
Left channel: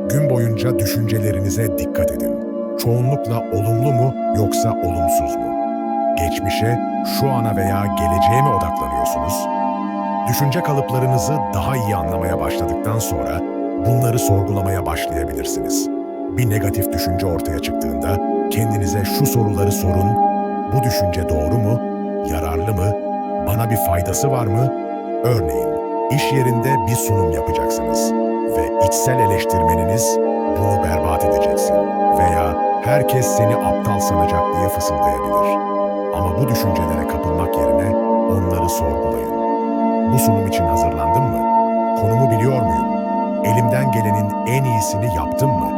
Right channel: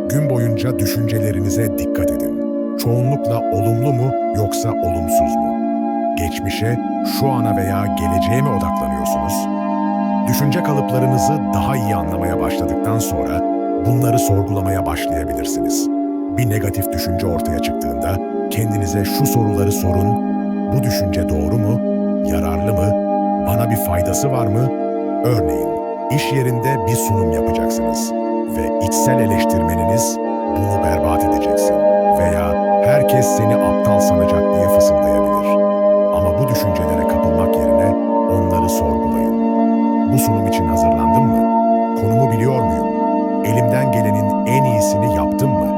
Gün boyunca düşüncelerinize dikkat edin. Çoğunlukla olumlu mu yoksa olumsuz mu? Geçmişe, şu ana veya geleceğe mi odaklanıyorsunuz? Düşünce kalıplarınızı daha iyi anlamaya başladıktan sonra bunları sorgulamaya başlayabilirsiniz. Bir negatif düşünce ortaya çıktığında kendinize şu soruları sorun. Bu düşünce doğru mu? Yararlı mı? Bana bir faydası var mı? Örneğin, iş yerinde bir sunum yapacaksınız ve içsel eleştirmeniniz bunu berbat edeceksin veya herkes seni aptal sanacak diye fısıldayabilir. Ama bu düşüncelere kapılmak yerine onları sorgulayın. Bu sunum için hazırlandım mı? Konumu biliyor muyum? Elimden gelenin en iyisini yaptım mı?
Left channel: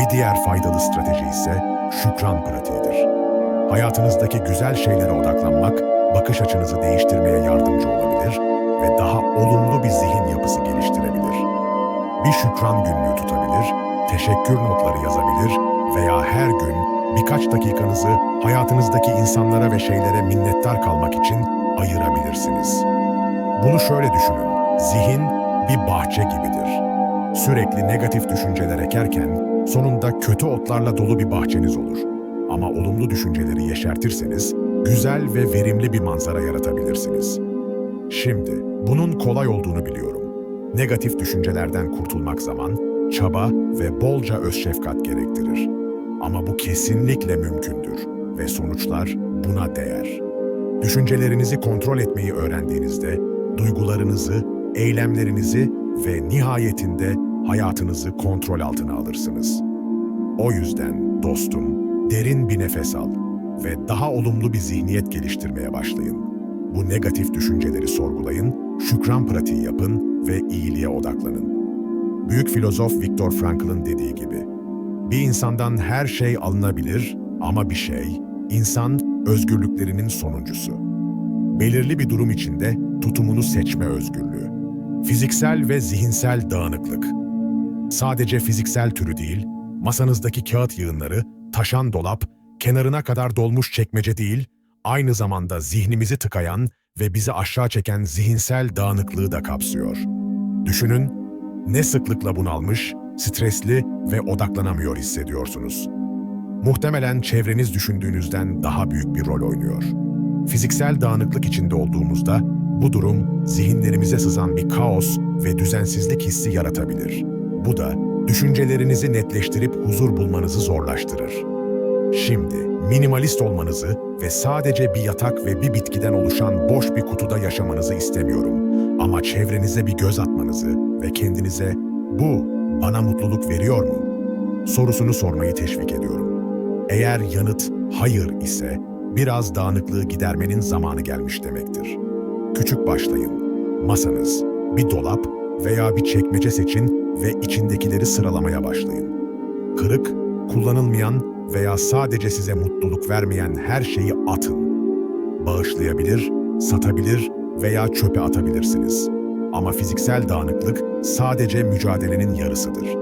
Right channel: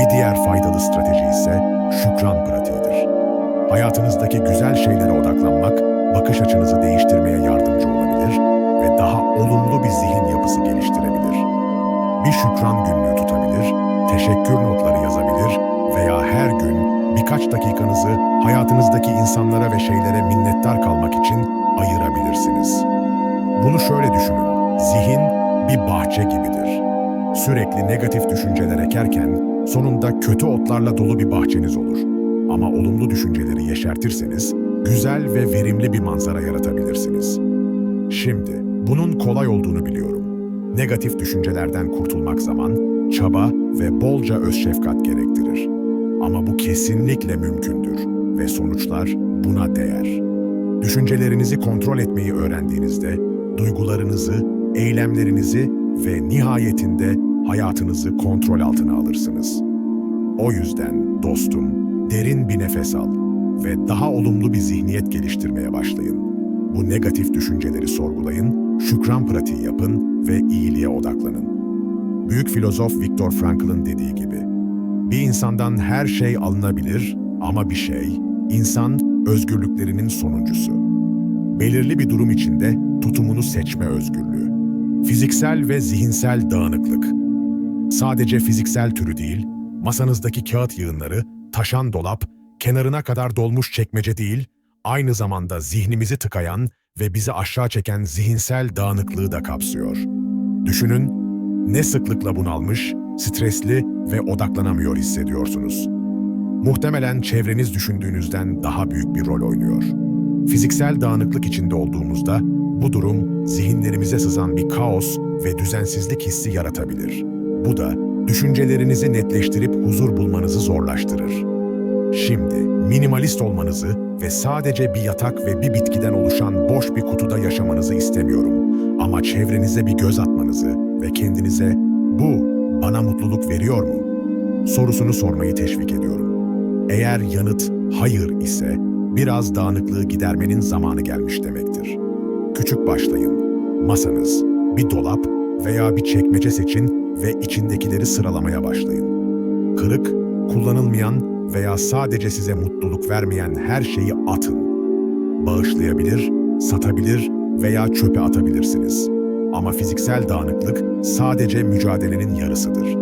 Bir diğer faydalı strateji ise şükran pratiğidir. Hayatınızdaki güzel şeylere odaklanmak, bakış açınızı değiştirmeye yardımcı olabilir ve daha olumlu bir zihin yapısı geliştirebilir. Bir şükran günlüğü tutabilir, teşekkür notları yazabilir veya her gün birkaç dakikanızı hayatınızdaki insanlara ve şeylere minnettar kalmak için ayırabilirsiniz. Bunu şöyle düşünün, zihin bir bahçe gibidir. Sürekli negatif düşünceler ekerken sonunda kötü otlarla dolu bir bahçeniz olur. Ama olumlu düşünceleri yeşertirseniz güzel ve verimli bir manzara yaratabilirsiniz. Şimdi bunun kolay olduğunu biliyorum. Negatif düşüncelerden kurtulmak zaman, çaba ve bolca özşefkat gerektirir. Ama bu kesinlikle mümkündür ve sonuçlar buna değer. Düşüncelerinizi kontrol etmeyi öğrendiğinizde duygularınızı, eylemlerinizi ve nihayetinde hayatınızı kontrol altına alırsınız. O yüzden dostum, derin bir nefes al ve daha olumlu bir zihniyet geliştirmeye başlayın. Bu negatif düşünceleri sorgulayın, şükran pratiği yapın ve iyiliğe odaklanın. Büyük filozof Viktor Frankl'ın dediği gibi, bir insandan her şey alınabilir ama bir şey, insan özgürlüklerinin sonuncusu. Belirli bir durum içinde tutumunu seçme özgürlüğü. Fiziksel ve zihinsel dağınıklık. Sadece fiziksel türü değil, masanızdaki kağıt yığınları, taşan dolap, kenarına kadar dolmuş çekmece değil, aynı zamanda zihnimizi tıkayan ve bizi aşağı çeken zihinsel dağınıklığı da kapsıyor. Düşünün, ne sıklıkla bunalmış, stresli ve odaklanamıyor hissediyorsunuz. Muhtemelen çevreniz düşündüğünüzden daha büyük bir rol oynuyor. Fiziksel dağınıklık içinde olduğumuzda bu durum zihinlerimize sızan bir kaos ve düzensizlik hissi yaratabilir. Bu da düşüncelerinizi netleştirip huzur bulmanızı zorlaştırır. Şimdi minimalist olmanızı ve sadece bir yatak ve bir bitkiden oluşan boş bir kutuda yaşamanızı istemiyorum. Ama çevrenize bir göz atmanızı ve kendinize "Bu bana mutluluk veriyor mu?" sorusunu sormayı teşvik ediyorum. Eğer yanıt hayır ise biraz dağınıklığı gidermenin zamanı gelmiş demektir. Küçük başlayın. Masanız, bir dolap veya bir çekmece seçin ve içindekileri sıralamaya başlayın. Kırık, kullanılmayan veya sadece size mutluluk vermeyen her şeyi atın. Bağışlayabilir, satabilir veya çöpe atabilirsiniz. Ama fiziksel dağınıklık sadece mücadelenin yarısıdır.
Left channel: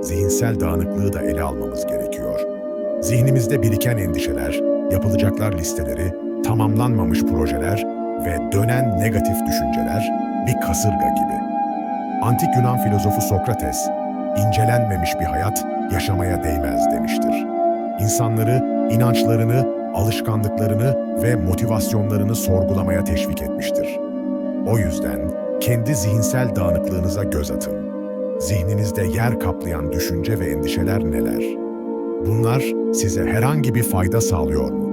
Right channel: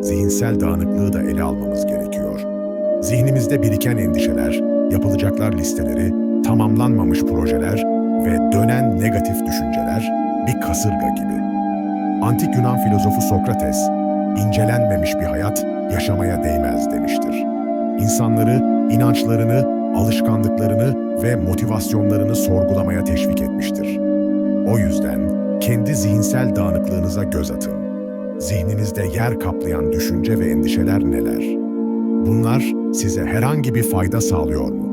Zihinsel dağınıklığı da ele almamız gerekiyor. Zihnimizde biriken endişeler, yapılacaklar listeleri, tamamlanmamış projeler ve dönen negatif düşünceler bir kasırga gibi. Antik Yunan filozofu Sokrates, incelenmemiş bir hayat yaşamaya değmez demiştir. İnsanları, inançlarını, alışkanlıklarını ve motivasyonlarını sorgulamaya teşvik etmiştir. O yüzden kendi zihinsel dağınıklığınıza göz atın. Zihninizde yer kaplayan düşünce ve endişeler neler? Bunlar size herhangi bir fayda sağlıyor mu?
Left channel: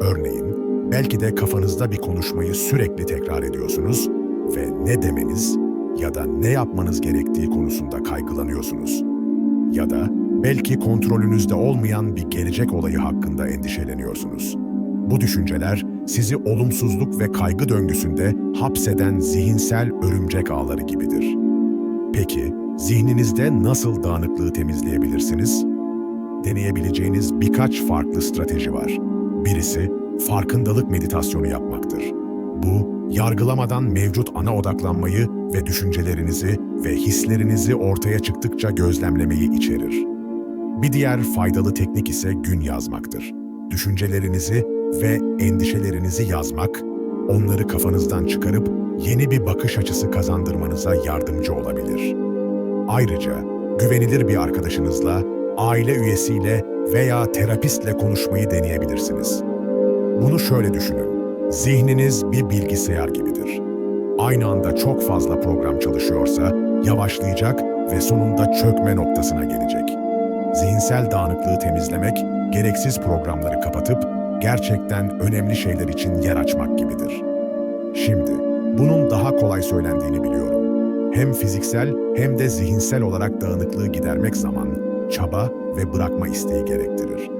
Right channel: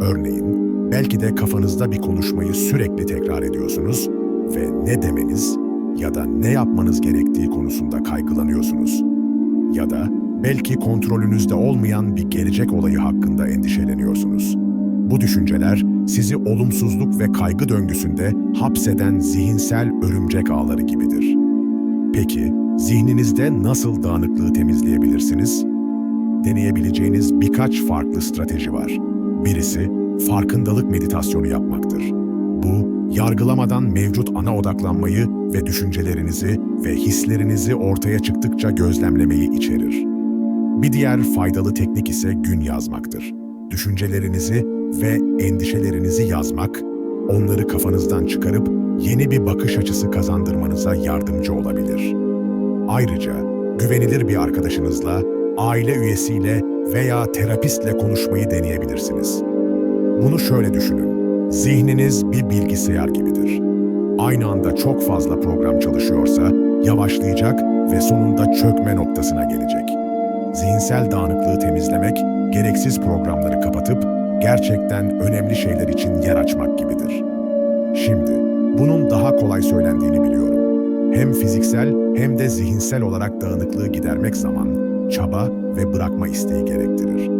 Örneğin, belki de kafanızda bir konuşmayı sürekli tekrar ediyorsunuz ve ne demeniz ya da ne yapmanız gerektiği konusunda kaygılanıyorsunuz. Ya da belki kontrolünüzde olmayan bir gelecek olayı hakkında endişeleniyorsunuz. Bu düşünceler sizi olumsuzluk ve kaygı döngüsünde hapseden zihinsel örümcek ağları gibidir. Peki, zihninizde nasıl dağınıklığı temizleyebilirsiniz? Deneyebileceğiniz birkaç farklı strateji var. Birisi, farkındalık meditasyonu yapmaktır. Bu, yargılamadan mevcut ana odaklanmayı ve düşüncelerinizi ve hislerinizi ortaya çıktıkça gözlemlemeyi içerir. Bir diğer faydalı teknik ise gün yazmaktır. Düşüncelerinizi ve endişelerinizi yazmak, onları kafanızdan çıkarıp yeni bir bakış açısı kazandırmanıza yardımcı olabilir. Ayrıca güvenilir bir arkadaşınızla, aile üyesiyle veya terapistle konuşmayı deneyebilirsiniz. Bunu şöyle düşünün. Zihniniz bir bilgisayar gibidir. Aynı anda çok fazla program çalışıyorsa yavaşlayacak ve sonunda çökme noktasına gelecek. Zihinsel dağınıklığı temizlemek, gereksiz programları kapatıp gerçekten önemli şeyler için yer açmak gibidir. Şimdi, bunun daha kolay söylendiğini biliyorum. Hem fiziksel hem de zihinsel olarak dağınıklığı gidermek zaman, çaba ve bırakma isteği gerektirir.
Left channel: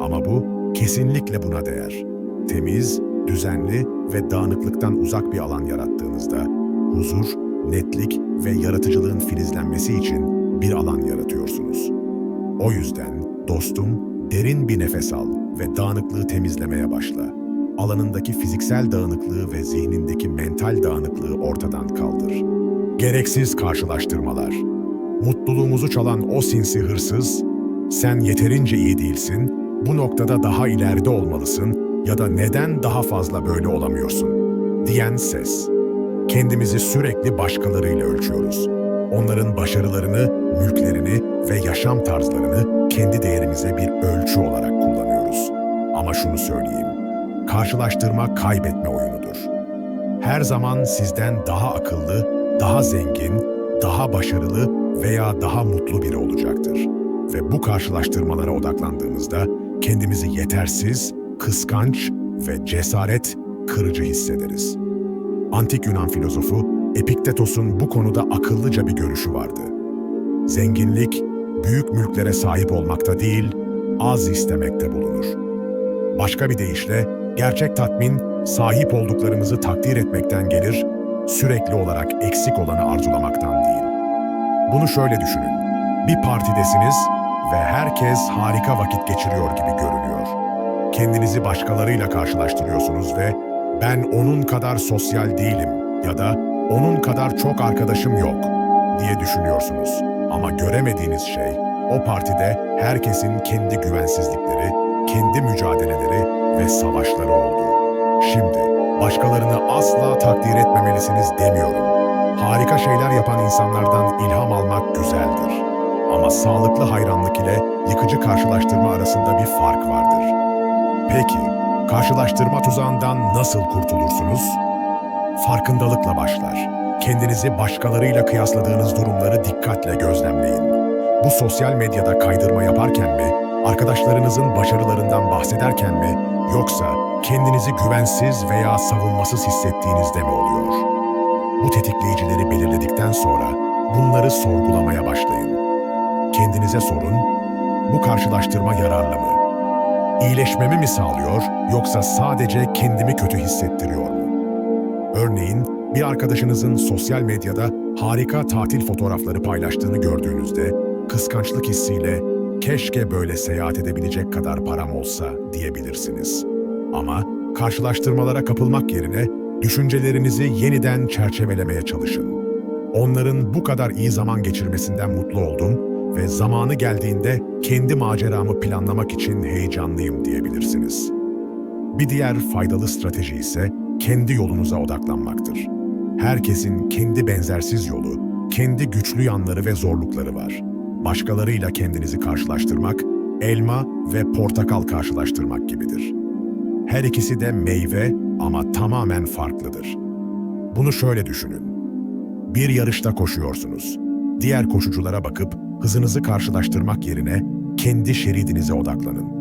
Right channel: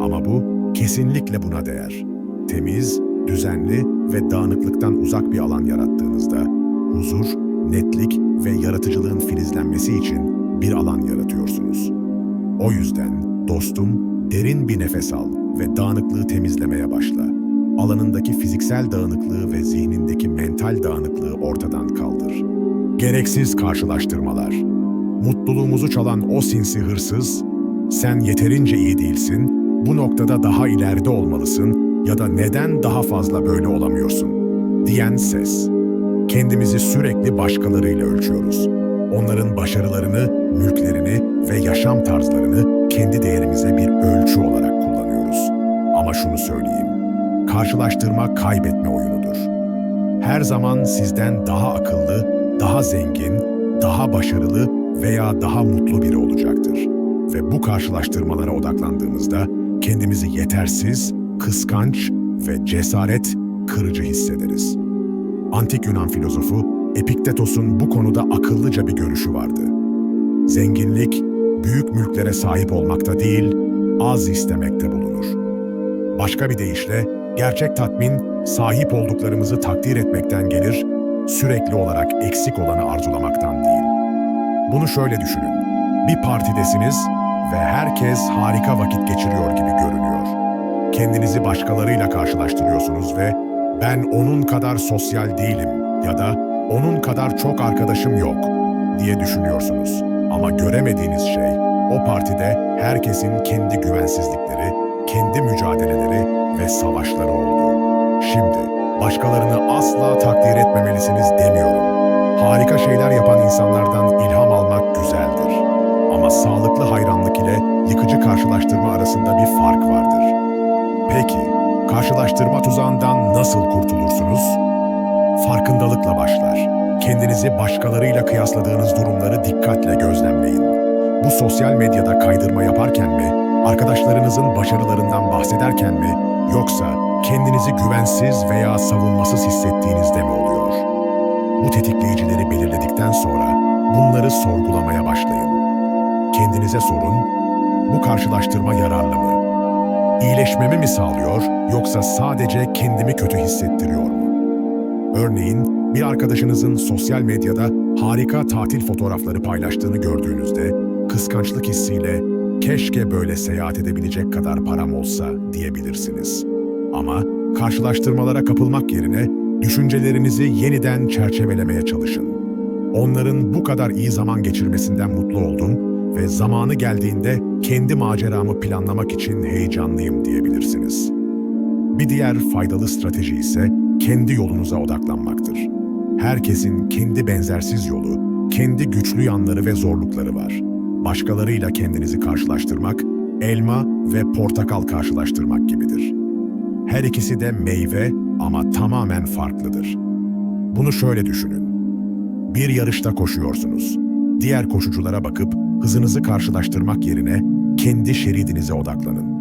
Ama bu kesinlikle buna değer. Temiz, düzenli ve dağınıklıktan uzak bir alan yarattığınızda huzur, netlik ve yaratıcılığın filizlenmesi için bir alan yaratıyorsunuz. O yüzden dostum, derin bir nefes al ve dağınıklığı temizlemeye başla. Alanındaki fiziksel dağınıklığı ve zihnindeki mental dağınıklığı ortadan kaldır. Gereksiz karşılaştırmalar. Mutluluğumuzu çalan o sinsi hırsız, "Sen yeterince iyi değilsin, bu noktada daha ileride olmalısın ya da neden daha fazla böyle olamıyorsun?" diyen ses. Kendimizi sürekli başkalarıyla ölçüyoruz. Onların başarılarını, mülklerini ve yaşam tarzlarını kendi değerimize bir ölçü olarak kullanıyoruz. Ama şunu söyleyeyim, karşılaştırma kaybetme oyunudur. Her zaman sizden daha akıllı, daha zengin, daha başarılı veya daha mutlu biri olacaktır. Ve bu karşılaştırmalara odaklandığımızda kendimizi yetersiz, kıskanç ve cesaret kırıcı hissederiz. Antik Yunan filozofu Epiktetos'un bu konuda akıllıca bir görüşü vardı. Zenginlik, büyük mülklere sahip olmakta değil, az istemekte bulunur. Başka bir deyişle, gerçek tatmin, sahip olduklarımızı takdir etmekten gelir, sürekli olarak eksik olanı arzulamaktan değil. Bunu şöyle düşünün, bir partidesiniz ve herkes harika vakit geçiriyor gibi görünüyor. Kendinizi başkalarıyla karşılaştırıyorsunuz ve "Ben onun kadar sosyal değilim" ya da "Onun kadar çok arkadaşım yok" diye düşünüyorsunuz. Ama göremediğiniz şey, o partide herkesin kendi güvensizlikleri, kendi mücadeleleri ve savaşları oldu. Şimdi, başkalarını asla takdir etmemelisiniz demiyorum. Harika şeyler yapan insanlardan ilham almak güzeldir. Ama sağlıklı hayranlık ile yıkıcı karşılaştırma arasında bir fark vardır. Peki, karşılaştırma tuzağından nasıl kurtulursunuz? Farkındalıkla başlar. Kendinizi başkalarıyla kıyasladığınız durumları dikkatle gözlemleyin. Bu sosyal medyada kaydırma yaparken mi, Arkadaşlarınızın başarılarından bahsederken mi, yoksa kendinizi güvensiz veya savunmasız hissettiğinizde mi oluyor? Bu tetikleyicileri belirledikten sonra bunları sorgulamaya başlayın. Kendinize sorun, bu karşılaştırma yararlı mı? İyileşmemi mi sağlıyor, yoksa sadece kendimi kötü hissettiriyor mu? Örneğin, bir arkadaşınızın sosyal medyada harika tatil fotoğrafları paylaştığını gördüğünüzde, kıskançlık hissiyle "keşke böyle seyahat edebilecek kadar param olsa" diyebilirsiniz. Ama karşılaştırmalara kapılmak yerine düşüncelerinizi yeniden çerçevelemeye çalışın. Onların bu kadar iyi zaman geçirmesinden mutlu oldum ve zamanı geldiğinde kendi maceramı planlamak için heyecanlıyım diyebilirsiniz. Bir diğer faydalı strateji ise kendi yolunuza odaklanmaktır. Herkesin kendi benzersiz yolu, kendi güçlü yanları ve zorlukları var. Başkalarıyla kendinizi karşılaştırmak, elma ve portakal karşılaştırmak gibidir. Her ikisi de meyve ama tamamen farklıdır. Bunu şöyle düşünün. Bir yarışta koşuyorsunuz. Diğer koşuculara bakıp hızınızı karşılaştırmak yerine kendi şeridinize odaklanın.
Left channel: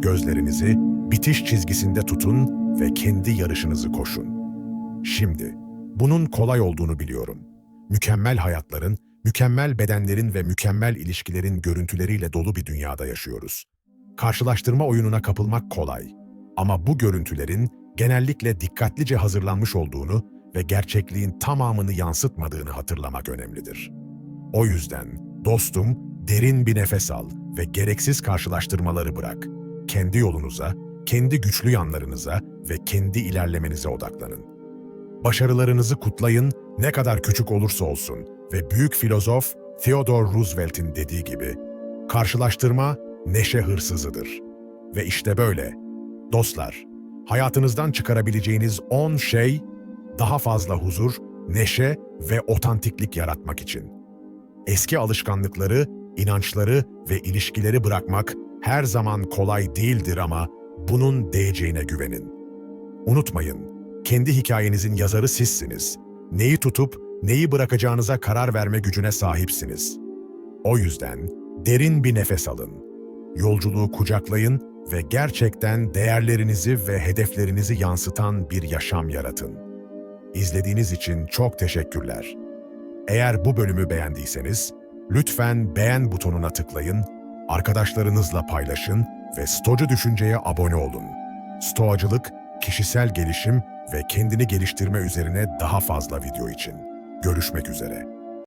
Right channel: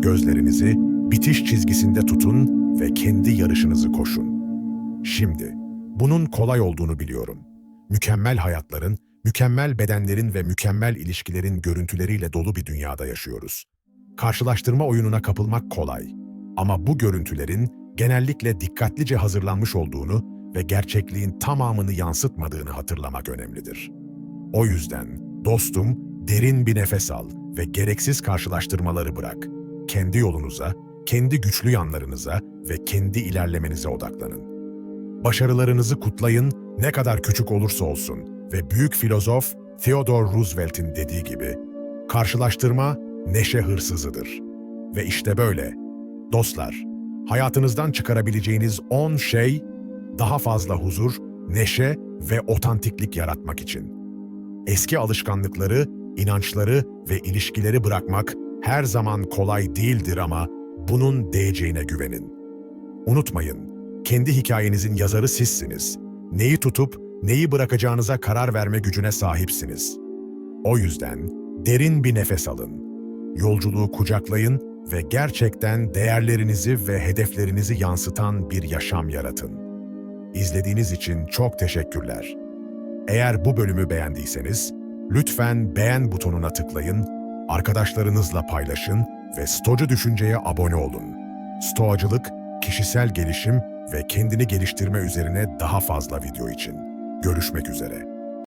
Gözlerinizi bitiş çizgisinde tutun ve kendi yarışınızı koşun. Şimdi, bunun kolay olduğunu biliyorum. Mükemmel hayatların, mükemmel bedenlerin ve mükemmel ilişkilerin görüntüleriyle dolu bir dünyada yaşıyoruz. Karşılaştırma oyununa kapılmak kolay. Ama bu görüntülerin genellikle dikkatlice hazırlanmış olduğunu ve gerçekliğin tamamını yansıtmadığını hatırlamak önemlidir. O yüzden, dostum, derin bir nefes al ve gereksiz karşılaştırmaları bırak. Kendi yolunuza, kendi güçlü yanlarınıza ve kendi ilerlemenize odaklanın. Başarılarınızı kutlayın, ne kadar küçük olursa olsun ve büyük filozof Theodore Roosevelt'in dediği gibi, karşılaştırma neşe hırsızıdır. Ve işte böyle. Dostlar, hayatınızdan çıkarabileceğiniz 10 şey, daha fazla huzur, neşe ve otantiklik yaratmak için. Eski alışkanlıkları, inançları ve ilişkileri bırakmak her zaman kolay değildir ama bunun değeceğine güvenin. Unutmayın, kendi hikayenizin yazarı sizsiniz. Neyi tutup neyi bırakacağınıza karar verme gücüne sahipsiniz. O yüzden derin bir nefes alın. Yolculuğu kucaklayın ve gerçekten değerlerinizi ve hedeflerinizi yansıtan bir yaşam yaratın. İzlediğiniz için çok teşekkürler. Eğer bu bölümü beğendiyseniz, lütfen beğen butonuna tıklayın, arkadaşlarınızla paylaşın ve Stoacı Düşünce'ye abone olun. Stoacılık, kişisel gelişim ve kendini geliştirme üzerine daha fazla video için. Görüşmek üzere.